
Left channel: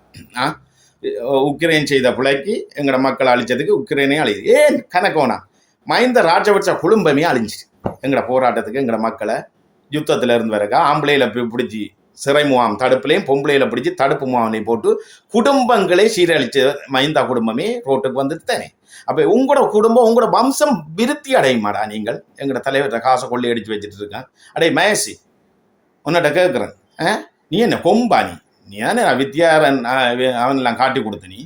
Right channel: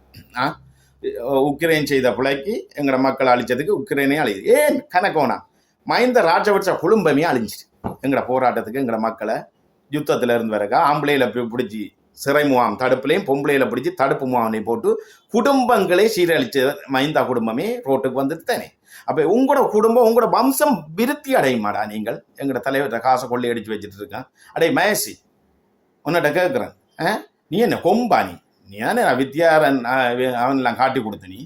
உக்ரைன் செய்த பிள்ளைக்கு எங்களோட மக்கள் அழிச்சதுக்கு உக்ரைனே அழியுது. ஏன் கணக்கு வேணாம். மஹிந்த ராஜபக்ச குடும்பமே அழிஞ்சிச்சு. எங்களோட போராட்டத்துக்கு எங்களோட மக்களை யுத்தத்தில் இருந்து வரக்கா ஆம்பளையில பிடிச்சி சிறை முகாம் தடுப்புலையும் பொம்பளையில பிடிச்சி தடுப்பு முகாமையும் போட்டு குடும்பங்களே சீரழிச்ச மஹிந்தா குடும்பமே ரோட்டுக்கு வந்துட்டு தானே. அப்போ உங்களோட குடும்பம் உங்களோட வம்சம் விருத்தி அடையுமாடா? நீங்கள் எங்களோட தலைவர்கிட்ட காசை கொள்ளி அடித்து வச்சுட்டு இருக்கேன். அடே மகேஷ், உன்னிட்ட கேட்குறேன், நீ என்ன கொம்பா? நீ ஏன்னா வித்யாரன் அவனெல்லாம் காட்டி கொடுத்த நீ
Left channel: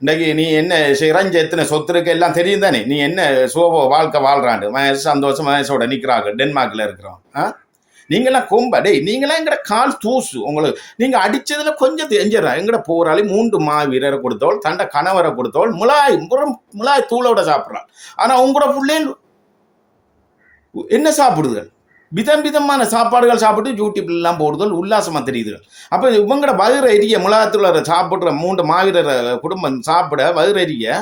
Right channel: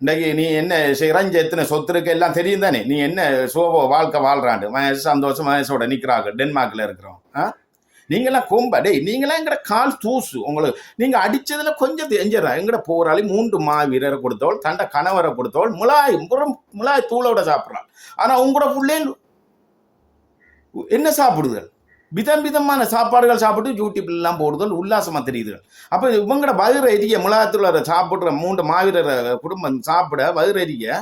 இன்றைக்கு நீ என்ன இறஞ்ச எத்தனை சொத்து இருக்கு எல்லாம் தெரியும் தானே. நீ என்ன சோபோ வாழ்க்கை வாழ்றாண்டு மகேஷ் சந்தோஷம் மகேஷோட நிற்கிறாங்க டென்மார்க்கில் இருக்கிறோம். நீங்களாம் கொம்பா? டேய் நீங்களாம் எங்கட கால் தூசு. உங்களுக்கு நீங்கள் அடித்ததுல கொஞ்சம் தெரிஞ்சிடறேன். எங்கட போராளி 3 மாவீரரை கொடுத்தவள் தண்டை கணவரை கொடுத்தவள் மிளாய் தூளோட சாப்பிட்றாள். ஆனால் உங்களோட பிள்ளைகள் என்ன சாப்பிடுதுகள்? விதம் விதமான சாப்பாடுகள் சாப்பிட்டு யூடியூப்லாம் போடுதல் உல்லாசமாக தெரியுதுகள். அப்போ இவங்களோட வயிறு எரிய மிளகாத்துல சாப்பிட்ற 3 மாவீரரை குடும்பம் சாப்பிட வயிறு எரிய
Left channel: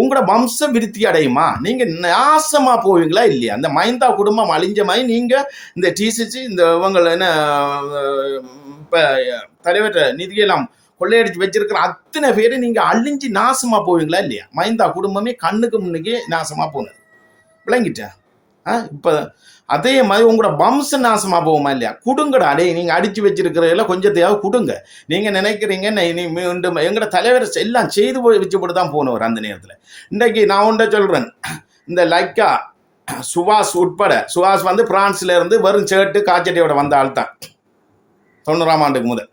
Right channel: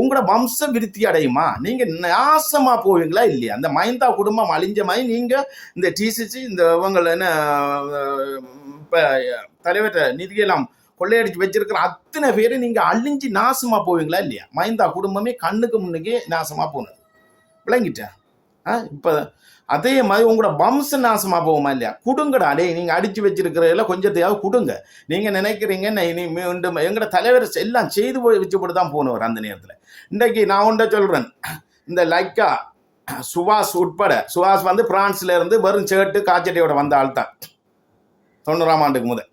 உங்களோட வம்ச விருத்தி அடையுமா? நீங்கள் நாசமாக போவீங்களா இல்லையா? அந்த மஹிந்தா குடும்பம் அழிஞ்ச மாதிரி நீங்கள் இந்த டிசிசி இந்த இவங்க என்ன இப்போ தலைவர்கிட்ட நிதியெல்லாம் கொள்ளையடிச்சு வச்சிருக்கிற அத்தனை பேர் நீங்கள் அழிஞ்சு நாசமாக போவீங்களா இல்லையா? மஹிந்தா குடும்பமே கண்ணுக்கு முன்னுக்கே நாசமாக போனது. விளங்கிட்டேன். இப்போ அதே மாதிரி உங்களோட வம்ச நாசமாக போகுமா இல்லையா? கொடுங்கடா. அடே நீங்கள் அடித்து வச்சிருக்கிறதெல்லாம் கொஞ்சத்தையாவது கொடுங்க. நீங்கள் நினைக்கிறீங்க மீண்டும் எங்களோட தலைவர் எல்லாம் செய்து வச்சுப்பட்டு தான் போனவர் அந்த நேரத்தில். இன்றைக்கு நான் ஒன்றை சொல்கிறேன், இந்த லைக்கா சுபாஷ் உட்பட, சுபாஷ் வந்து பிரான்ஸ்ல இருந்து வெறும் சேட்டு காய்ச்சட்டியோட வந்த ஆள் தான் 90ஆம் ஆண்டுக்கு முதல்.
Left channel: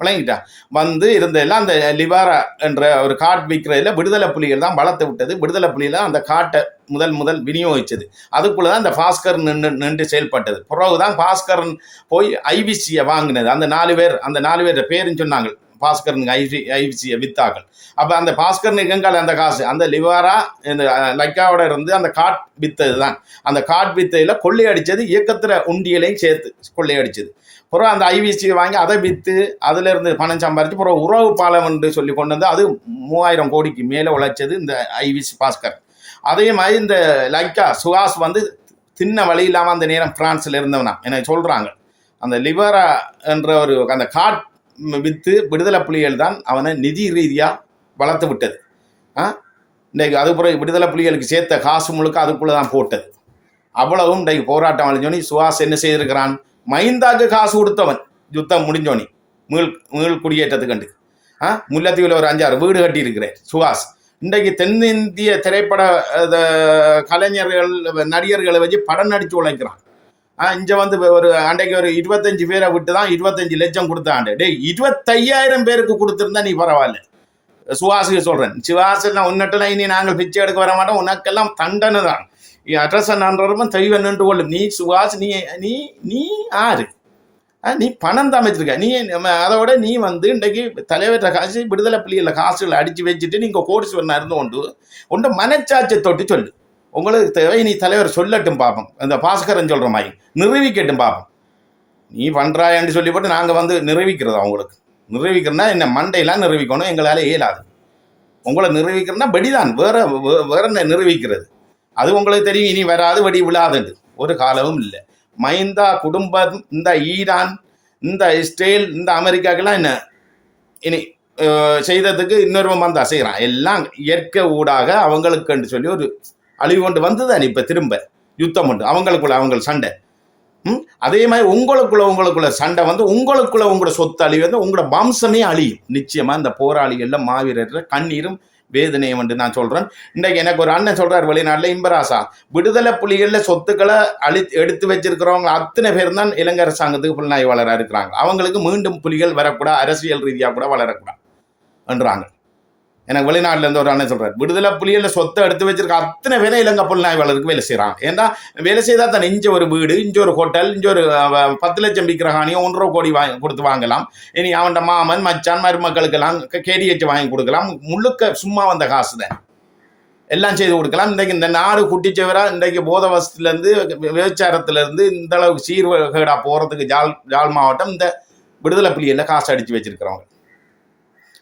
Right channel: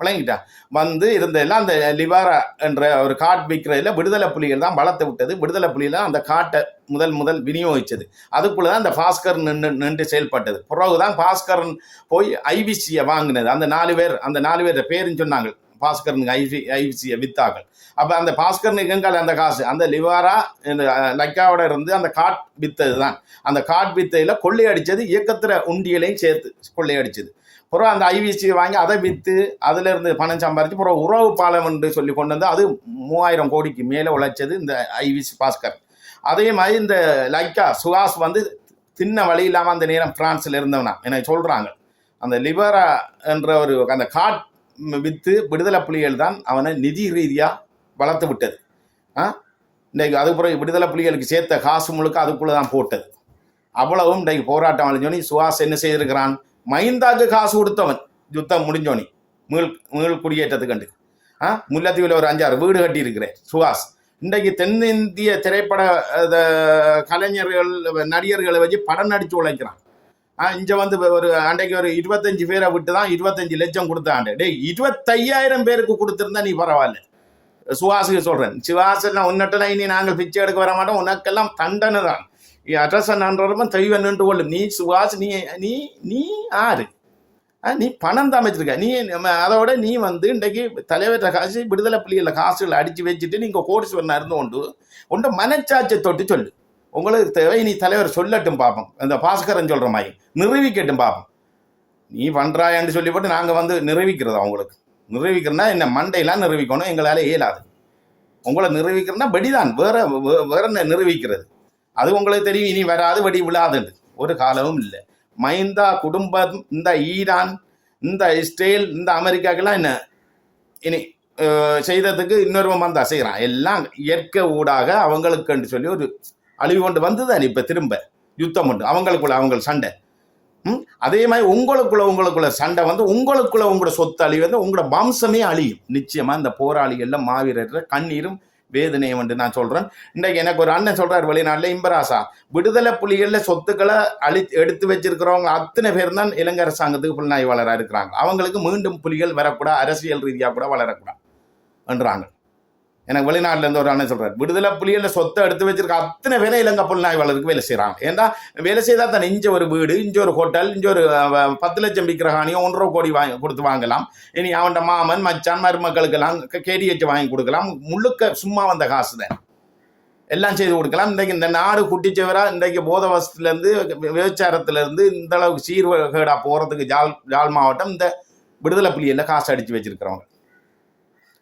விளங்கிட்டா வந்து இருந்தெல்லாம் அந்த லிவாரா என்ற ஒரு காட் விற்கிறதுல விடுதலை புலிகள் தான் வளர்த்து விட்டது. விடுதலை புலிகள் அந்த காட்டை முதல் விநியோகிச்சது. அதுக்குள்ள தான் அந்த பாஸ்கர் நின்று செயல்பட்டது. பிறகுதான் பாஸ்கரன் போய் ஐவிசியை வாங்கினது. அந்த 4 பேர் பேருன்னு சொன்னாங்க. பாஸ்கரனுக்கு ஐவிசியை வித்தாக்கள். அப்போ அந்த பாஸ்கரனுக்கு எங்கால அந்த காசு அந்த லிவாரா இந்த லக்காவோட இருந்து அந்த காட் வித்தது தான். அந்த காட் வித்தையில் கொள்ளையடிச்சது இயக்கத்திர உண்டியலையும் சேர்த்து கொள்ளையடிச்சது. பிறகு அந்த ஐவிசியை வாங்கி அதை விற்று அதில் இருந்து பணம் சம்பாதிச்சு பிறகு உறவு பாலம் என்று சொல்லி கொண்டு வந்து அது 3000 கோடிக்கு மேலே உழைச்சது இந்த ஐவிசி பாஸ்கர். அதே மாதிரி இந்த லைக்கா சுஹாஸ் வந்து தின்ன வழி இல்லாமல் அந்த நேரம் பிரான்ஸில் இருந்தவனா எனக்கு சொல்கிறாங்க. அந்த லிபரா என்ற ஒரு அந்த காட் விற்று விடுதலை புலிகள் தான் அவனை நிதி ரீதியாக வளர்த்து விட்டது. இன்றைக்கு அது பிறகு விடுதலை புலிகளுக்கு சேர்த்த காசு முழுக்க அதுக்குள்ளே தான் போட்டது. அவ்வளவும் இன்றைக்கு போராட்டம் அழிஞ்சோனி சுஹாஸ் என்ன செய்திருக்கிறான்? மஹிந்தாக்கு காசு கொடுத்தவன் யுத்தம் முடிஞ்சோனி மீள் குடியேற்றத்துக்கு கண்டு முல்லைத்தீவில் ஒரு 5-6 வீடு கட்டி இருக்கிறேன் சுஹாஸ். இன்றைக்கு தென்னிந்திய திரைப்பட கலைஞர்கள் நடிகர்களை வச்சு படம் நடித்து உழைக்கிறான். இங்கே வந்து ஒரு அன்றைக்கு ஒரு 25 பேரை விட்டு தான் 25 லட்சம் கொடுத்தாண்டு. டேய் 25,000 பேருக்கு கொடுத்துருந்தா நீ பரவாயில்ல. சுஹாஸுக்கு சொல்கிறேன், சுஹாசெல்லாம் உன்னட்டெல்லாம் இனி நாங்கள் பிச்சை எடுக்க வர மாட்டோம், உனக்கெல்லாம் தண்டனை தான். அட்ரஸ் நன்றரும் தெய்வம் நின்று கொள்ளும். நீ சுஹாஸ் நீ நீ நீ ஆறு நீ பணம் தான் வச்சிருக்க. நீ அதோட நீ வந்து இன்றைக்கு தலைவர்கிட்ட காசு விடுதலை புலிகளில் காசுகளை அடித்து வச்சுட்டு நீங்கள் கோடீஸ்வரனாக இருந்து கொண்டு மனச்சாட்சியை தொட்டு சொல்லு. உங்களுக்கு தேவை நீ தலைவர் சொல்லட்டும் பார்ப்போம். இந்த பாஸ்கரன் சொல்கிற மாதிரி நிரூபிக்கட்டும் பார்ப்போம். நீ பண்ணுறாயன்னு சொல்லி போட்டு நாங்கள் வந்து நிரூபிக்கிறதா? உங்களுக்கு நிரூபிக்கிறோன்னா என்ன மண்டையெல்லாம் நிரூபிக்கணும், எங்களால் இயலாது. உங்களை நிரூபிக்கிறோன்னா வெடிதான், வேற என்ன நிரூபிக்கிறது? அது உங்களுக்கு தெரியும், இனி வராது, வெடி விழாதுண்டு ஒரு காலமும் இல்லை. மஹிந்தா குடும்பம் இந்த ஈரான் இந்த இஸ்ரேல் இந்த அமெரிக்காக்கெல்லாம் என்ன இனி செய்ததுக்கு இன்னொருவன் வந்தா செய்கிறான். எல்லாம் இயற்கை ஊடாக அவங்களுக்குன்னு சொல்லி ஒரு அழிவு கொண்டு வந்துதான் இப்போ திரும்ப யுத்தம் உண்டு அவங்களுக்குள்ள சண்டை. அதே மாதிரி உங்களுக்குள்ள சண்டை வந்து உங்களுக்குள்ள உங்களோட சொத்து அழிவு வந்து உங்களோட வம்சமே அழியும். நிச்சயமாக இந்த போராளிகள்ல மாவீரர் கண்ணீரும் வேதனையும் வந்து நான் சொல்கிறேன். இன்றைக்கு எனக்கு ஒரு அண்ணன் சொல்கிறார் வெளிநாட்டில், இம்பராசா விடுதலை புலிகளில் சொத்துக்களை எடுத்து வச்சிருக்கிறவங்க அத்தனை பேர் தான் இலங்கை அரசாங்கத்துக்கு புலனாய்வாளராக இருக்கிறாங்க. அவங்களுக்கு மீண்டும் புலிகள் வரக்கூடாது, அரசியல் ரீதியாக கூட வளரக்கூடாது என்றாங்க. எனக்கு வெளிநாட்டுல இருந்து ஒரு அண்ணன் சொல்றாரு, விடுதலை புலிகள் சொத்தை எடுத்து வச்சிருக்க அத்தனை வேலை இலங்கை புலனாய்வாளருக்கு வேலை செய்யறாங்க. ஏன்னா வேலை செய்தா தான் இஞ்ச ஒரு வீடு, இஞ்ச ஒரு ஹோட்டல், இஞ்ச ஒரு 10 லட்சம் விற்கிற காணியை 1.5 கோடி கொடுத்து வாங்கலாம். இனி அவன் மாமன் மச்சான் மருமக்களுக்கெல்லாம் கேடிஹெச் வாங்கி கொடுக்கலாம். முழுக்க சும்மா வந்த காசு தான் எல்லாம் செய்து கொடுக்கலாம். இன்றைக்கு இந்த நாடு குட்டிச்சவரா இன்றைக்கு போதவசத்துல இருந்து விபச்சாரத்துல இருந்து இந்த அளவுக்கு சீர்கேடா போறதுக்கு ஜாழ் மாவட்டம் இந்த விடுதலை புலிகள் காசு அடிச்சு வச்சிருக்கிறவங்க.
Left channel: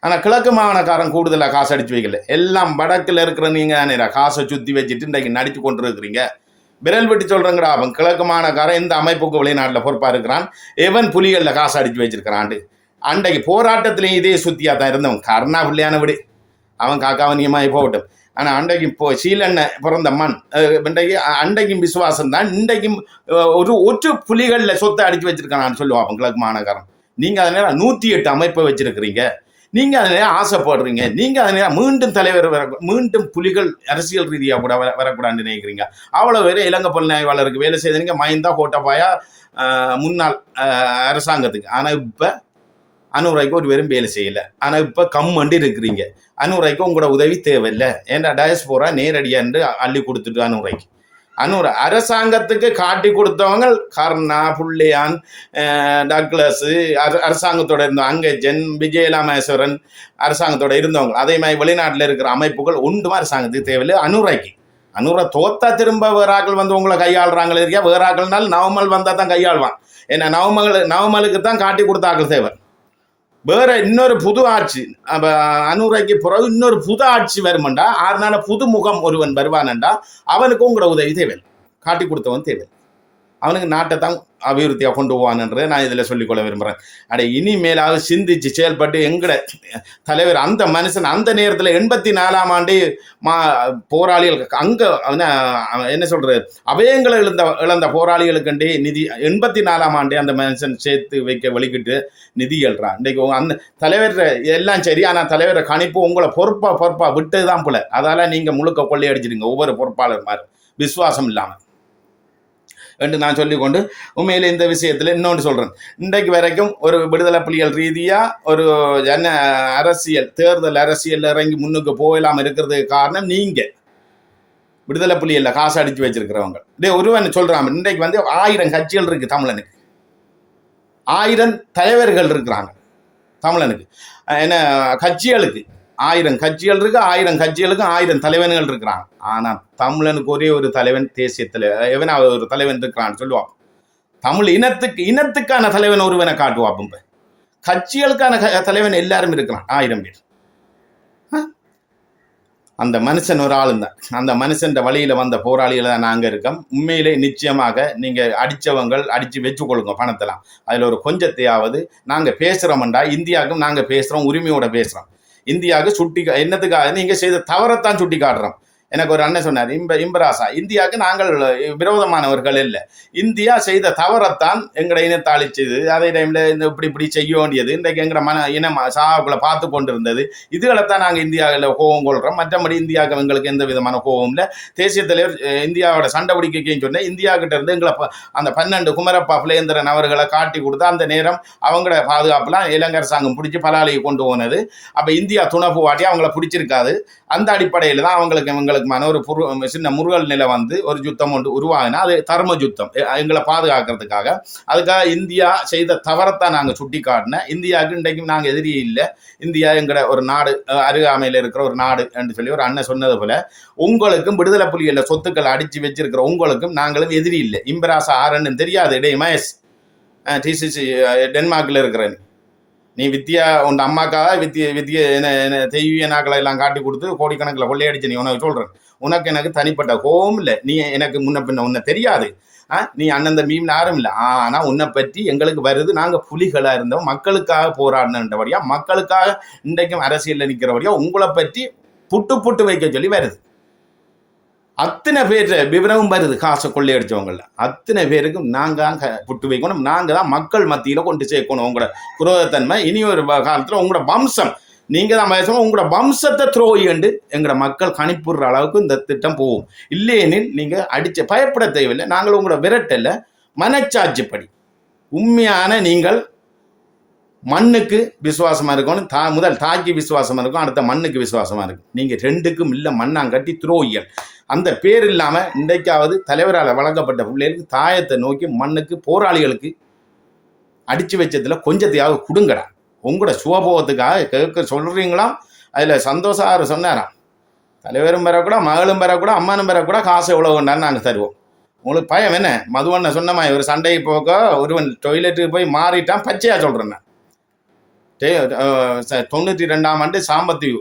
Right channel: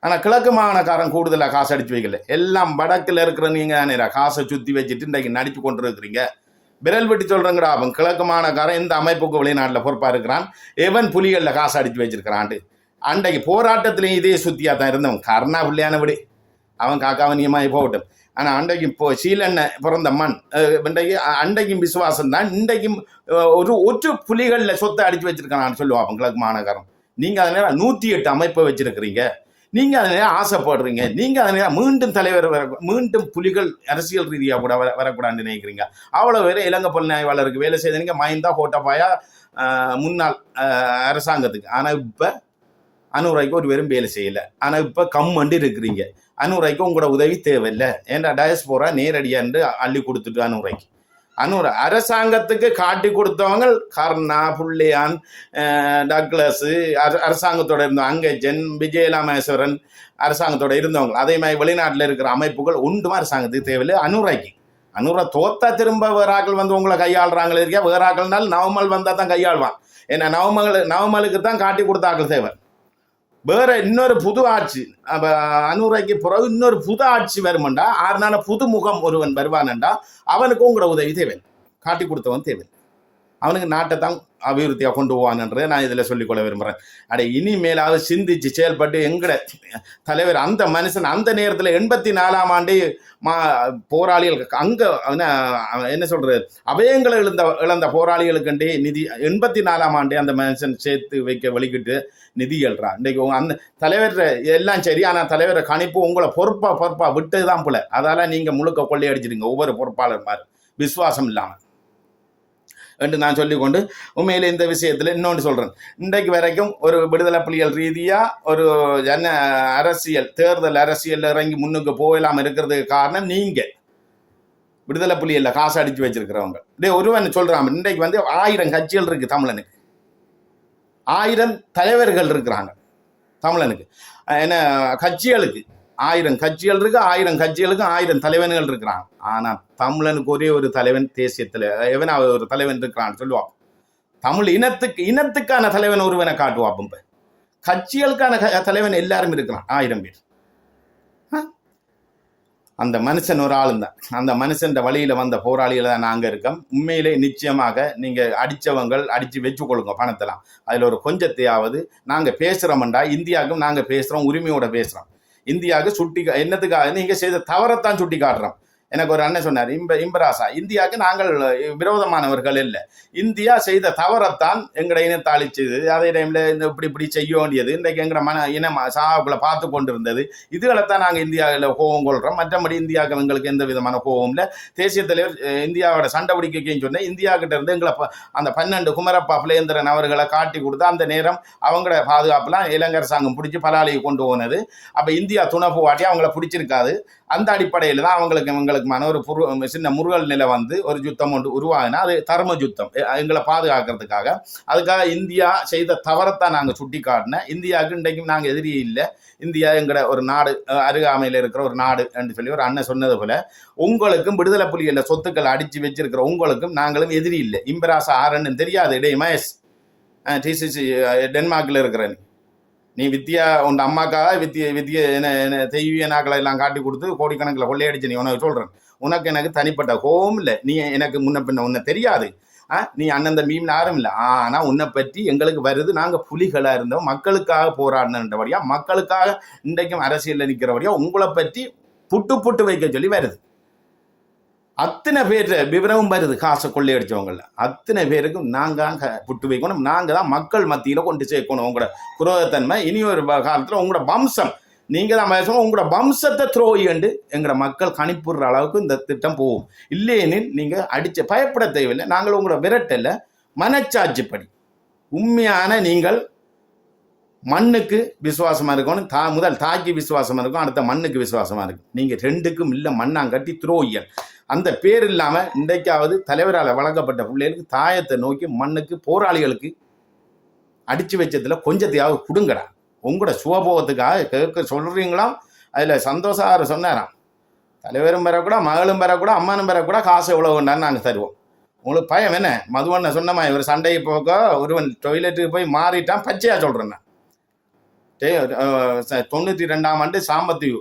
ஆனால் கிழக்கு மாகாணக்காரன் கூடுதலாக காசு அடிச்சு வைக்கல. எல்லாம் வடக்கில் இருக்கிற நீங்கள் காசை சுற்றி வச்சுட்டு இன்றைக்கு நடித்து கொண்டு இருக்கிறீங்க. விரல் வெட்டி சொல்கிறேங்கடா, அவன் கிழக்கு மாகாணக்காரன் இந்த அமைப்புக்கு வெளிநாட்டில் பொறுப்பாக இருக்கிறான். எவன் புலிகளில் காசு அடித்து வச்சிருக்கிறான். அன்றைக்கு போராட்டத்திலையும் இதே சுற்றியாக தான் இருந்தவன். கருணா பிள்ளையான விடு, அவன் காக்காவனியமாகி போகட்டும். ஆனால் அன்றைக்கு இப்போ சீலண்ண பிறந்த மண் இன்றைக்கு அன்றைக்கும் விசுவாசம் தான். இன்றைக்கும் ஒற்று புலிகளில் சொத்தை அடித்து வச்சிருக்கான்னு சொல்லுவான் கிழக்கு மாகாணக்காரன். நீங்கள் அதனால 108 அமைப்பை வச்சிருக்கிறீங்க. நீங்க அதனால ஆசைப்படுறீங்க. நீங்க அதனால மீண்டும் தலைவர் மீண்டும் புலிகள் அரசியல் ரீதியாக கூட வரக்கூடாதுன்னு நினைக்கிறீங்க. அவ்வளவு பேர் இலங்கை புலனாய்வாளருக்கு வேலை செய்தீங்க. மைந்தா கோட்டபாயா முன்னாள் அரசாங்கத்துக்கு. ஆனா இப்ப அனுராய்க்கு ஒரு பேரும் வேலை செய்யல. ஆனா இப்ப கம்மண்டு இருக்கிறீங்க. அனுராய்க்கு உங்களோட உதவி தேவையில்லை. ஏன்னா டயஸ்போரா நேரடியாண்டு அள்ளி கொடுத்துட்டு அனுராய்க்கு அரசாங்கத்துக்கு காட்டி கொடுத்தவங்க கர்ணா, புள்ளியான், டக்ளஸ், அரசாங்கத்தோட இருந்தவங்க, அங்கஜன், விஜயலாமேஸ்வரன் அரசாங்கத்தோட இருந்தவங்க. அதே மாதிரி வெளிநாட்டில் இருக்கிற அமைப்புகள் ஒன்றும் அரசாங்கத்துக்கு தேவையில்லை. அனுரா தோத்தா திரும்ப வேறாக்கள் வந்து உங்களை கையாளுறாங்களே இருக்கியா. வேறாக்கள்னால நவமல் வந்தால் தான் கையாளுவான். ஏன்னா நவமலுக்கு தான் காட்டி கொடுத்தாக்கள் தேவை. வேற இன்னொரு புது ஆட்சி அனுராய்க்கு பிறகு இன்னொரு புது ஆட்சி வருமெண்டா, அதனால புது முகம் ஒருவன் வருவானண்டா அவனுக்கும் உங்களோட உதவி தேவை, காட்டி கொடுத்தவன் தேவை. அவனுக்கு நாட்டை தான் அபிவிருத்தியாக கொண்டு போவான்ன்றதை நான் இதில் சொல்லிக்கொள்ள விரும்புகிறேன். இனிமேலாவது சிந்திச்சு செயல்பட்டு எங்கட தலைவர் அந்த மனுஷன் அந்த நேரத்தில் 84ஆம் ஆண்டு போராளிகளுக்கு அங்கே என்ன சொல்றது அபயங்களை இழந்த போராளிகளுக்கு நிதி 84ஆம் ஆண்டு அந்த மனுஷன் சேர்த்து வைக்க வலிக்கிட்டு நிதி எழுறான். இன்றைக்கு அந்த தலைவர் எல்லாம் சரி, ஆனால் தலைவரை கணிப்பு உங்களை பொறுப்பா விட்டு தான் போல. அதால நீங்கள் முழுக்க கொள்ளையடிச்சிடுங்க ஒவ்வொரு பொறுப்பாளர் மாதிரி விசுவாசம் இல்லாமல் என்று நான் சொல்லிக்கொண்டு உண்மையிலே இந்த விஷயத்தில் இன்னொன்று சொல்கிறேன். இன்றைக்கு வரைக்கும் ஒரு விடுதலை புலிகள் ரீதியாக ஒரு அரசியல் தேர்தல் அரசியல் இறங்கி முன்னுக்கு போகலாமல் இருக்கிறதுக்கு காரணம் நீங்கள் விடுதலை புலிகளில் காசு அடித்து வச்சிருக்கிறவங்க. ஒருவன் சொல்கிறான், இன்றைக்கு வந்து 1000 கட்சிகள் இருக்குது தமிழனுக்கு, 1000 தலைவர்கள் இருக்கிறாங்க தமிழனுக்கு. என்ன கட்சிகளுக்கு 1000 கட்சிகள் இருக்கு, 1000 கட்சிகளுக்கு 1000 தலைவன்கள் இருக்கிறாங்க. ஆனா தமிழனுக்கு ஒரே ஒரு தலைவன் தேசியத்துல எவன் ஒரு தலைவன் இருக்கிறான்னு சொல்லுவான். தமிழ் இனத்துக்கான தலைவன் ஒருவனை காட்டுவாப்ப. கட்சிகளுக்கான தலைவன் எல்லாரும் இருக்கிறான் 1000 பேர். அந்த மனுஷன் ஒரு ஆள் தான். அந்த மனுஷன் வழியில வந்த போராளிகளை தான் நாங்க இருக்கோம். உண்மையிலே நிச்சயமாக நீங்க அடிச்சு வச்சு கொள்ளுங்க பணத்தெல்லாம். அதுல ஒரு கொஞ்சத்தையாவது நாங்க பேசுறோம்டா, இந்தியாவுக்கும் நாங்க பேசுறோம், உரிமையோட பேசுறோம். இந்தியாவுக்கு என்னத்துக்காக நீங்க செய்த தவறத்தான் சுட்டி காட்டுறோம். எனக்கு ஒரு அண்ணன் சொன்னார், இம்பராசா, இந்தியாவுக்கு நாங்கள் விரோதமானவர்கள் இல்லை, இந்தியா செய்த தவறத்தான் எங்களை இனத்தை அழிச்சது, அதே டைம்ல இந்த இப்படி செய்ய வேண்டியது, இன்றைக்கு எங்களை இனம் சாவுக்குள்ள பார்த்து கொண்டு இருந்தது, இதுகளைத்தான் நாங்கள் இந்தியாவில் கோபம் கொள்றோம். மற்றபடி இந்தியாவுக்கு எங்களுக்கு எந்த விதமான கோபம் இல்லை. தேசிய தலைவர் இந்தியாவோட சண்டை பிடிக்கைன்னு சொன்னேன். இந்தியா கிட்ட இருந்து எங்களை அந்த 12 குமரப்பா புலேந்திரன் அவர்களை காட்டி கொடுத்தா அந்த நேரம் அவங்களோட பாதுகாப்புலாம் இலங்கை அரசாங்கம் பிடிச்சி பலாலையை கொண்டு போனது. அப்ப இந்தியா துணப்பு வாட்டி அவங்கள பிடிச்சிருக்காது. அந்த அடிப்படையில் தான் எங்களுக்கு ஒரு சின்ன முருகல் நிலை வந்து ஒரு யுத்தம் ஒன்று உருவாகினா அது தர்ம யுத்தம் எங்களை பாதுகாக்கிறதுக்காக. அதுக்காக இந்தியா செய்த தவறத்தான் நாங்கள் சுட்டி காட்டினேன். இந்தியாவுக்கு இன்றைக்கும் நாங்கள் எதிரி இல்லை. இந்தியா எங்கட ஒரு நாடு, அருகாமையில் இருக்கிற ஒரு நாடு என்று சொல்லி ஒரு அண்ணன் சொன்னது போல உங்களுக்கும் விடுதலை புலிகளில் சொத்துக்களை அடிச்சு வச்சிருக்கிற உங்களுக்கும் நாங்களும் எதிரி இல்லை. இம்பராசா ஆரன்னு தெரியாது. டே மகேஷ், டிசிசி டென்மார்க்கில் இருக்கிறேன், நீ வித்தியா உன் அம்மாக்காக வித்திய என்ன தெய்வீக நாக்களை எல்லாம் காட்டி கொடுத்து கோடிக்கணக்கில் கொள்ளையடிச்சு நீ உனக்கு சொல்றேன். உனக்கு எனக்கு தனிப்பட்ட கோபம் இல்லை. நீ எனக்கு முன்ன பின்ன உன்னை தெரியாது. நீ அண்ணன் தம்பியும் யாரும் இல்லை. ஆனா உன்னை பற்றி எங்களுக்கு வருது. நாங்க புலிகளா இருந்தோம், மக்களுக்காக போராடினபடியா, மக்களுக்காக இன்றைக்கும் அரசியல் நிற்கிறபடியா உங்களை பற்றி புட்டு வைக்க சொல்லி வருது. அத்தனை பேர் விவரமும் வருது. காசை கொள்ளையடிச்சவங்கள அத்தனை பேருக்கும் நாங்க புட்டு வைக்கணும். நாங்க தான் மக்கள் மத்தியில கொண்டு சேர்க்கணும் உங்களோட குரோதத்தன்மை. இனி ஒரு காலத்துல உங்களோட வம்சம், நீங்க தான் பேசணும், உங்களோட வம்சத்தை துரோகிண்டு எங்களோட மக்கள் கணிப்புற அளவுக்கு இந்த திட்டம் போகும். இல்லையெனில் நீங்க அடிச்ச பயப்பட தேவையில்லை. நாங்கள் உங்களோட விரட்டல மனச்சாட்சிப்படி உண்மையான நீங்கள் மண்ணுக்கு விசுவாசமாக இருக்கணும். முதல் தாய்க்கு விசுவாசமாக இருக்கும், அடுத்த மண்ணுக்கு விசுவாசமாக இருக்கும். நீங்கள் ரெண்டுக்கும் இல்லை மண்ணாங்கட்டி துரோகியல். அந்த பேர் இல்லாமல் இன்றைக்காவது தலைவரால் வழங்கப்பட்ட பிள்ளைகளுக்கு தாயத்தை நோக்கி மண்ணுக்கு போராளிகளுக்கு அடித்து வச்சதில் கொஞ்சத்தையாவது கொடுங்கடா. உங்களோட சுகபோகத்துக்காக கேட்க சொல்கிறீங்களாம். அதில் சந்தோஷம் சொன்னாராம், தலைவரும் பெறக்கூட, மகளும் பெறக்கூட, அம்மனும் பெறக்கூட, காசு எவ்வளோ வேண்டான்னு நாங்கள் தருவோம். உங்களுக்கு பயம் என்ன? மதுவண்ண சொன்னமா ஒரு சண்டைக்கு போக ஒருவன் டொய்லெட்டுக்கு போய் மாறிட்டான். பச்சையாக சொல்கிறேன். 92ஆம் ஆண்டு சாம்பத்தீவு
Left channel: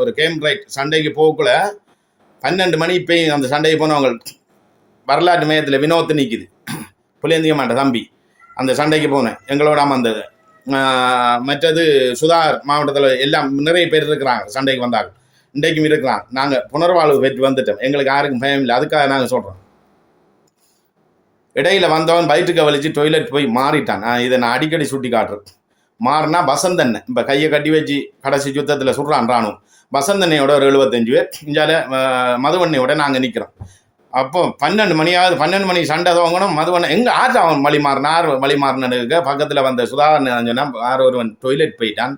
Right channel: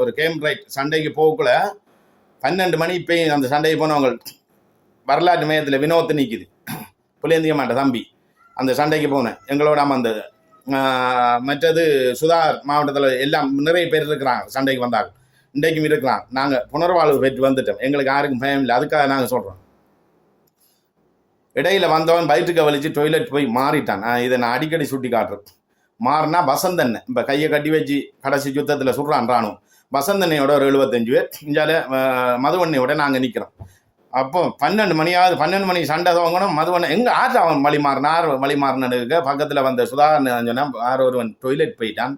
ஒரு கேம் ரைட் சண்டைக்கு போகக்குள்ள 12 மணி இப்போ அந்த சண்டைக்கு போனவங்க வரலாற்று மையத்தில் வினோத்து நிற்குது. புளியந்தியமாட்ட தம்பி அந்த சண்டைக்கு போனேன் எங்களோட வந்தது. மற்றது சுதார் மாவட்டத்தில் எல்லாம் நிறைய பேர் இருக்கிறாங்க சண்டைக்கு வந்தாங்க. இன்றைக்கும் இருக்கிறாங்க. நாங்கள் புனர்வாழ்வு பெற்று வந்துட்டோம். எங்களுக்கு யாருக்கும் பயம் இல்லை. அதுக்காக நாங்கள் சொல்கிறோம். இடையில வந்தவன் வயிற்றுக்க வலிச்சு டொய்லெட் போய் மாறிட்டான். இதை நான் அடிக்கடி சுட்டி காட்டுறேன். மாறினா வசந்தண்ணன் இப்போ கையை கட்டி வச்சு கடைசி யுத்தத்தில் சுடுறான் ராணுவம். வசந்தண்ணையோட ஒரு 75 பேர். இஞ்சால மதுவண்ணையோட நாங்கள் நிற்கிறோம். அப்போ 12 மணி சண்டை துவங்கணும். மதுவண்ணன் எங்கே ஆறு அவன் வழி மாறினு இருக்க பக்கத்தில் வந்த சுதாகரன் சொன்னால் ஆறு ஒருவன் டொய்லெட் போயிட்டான்.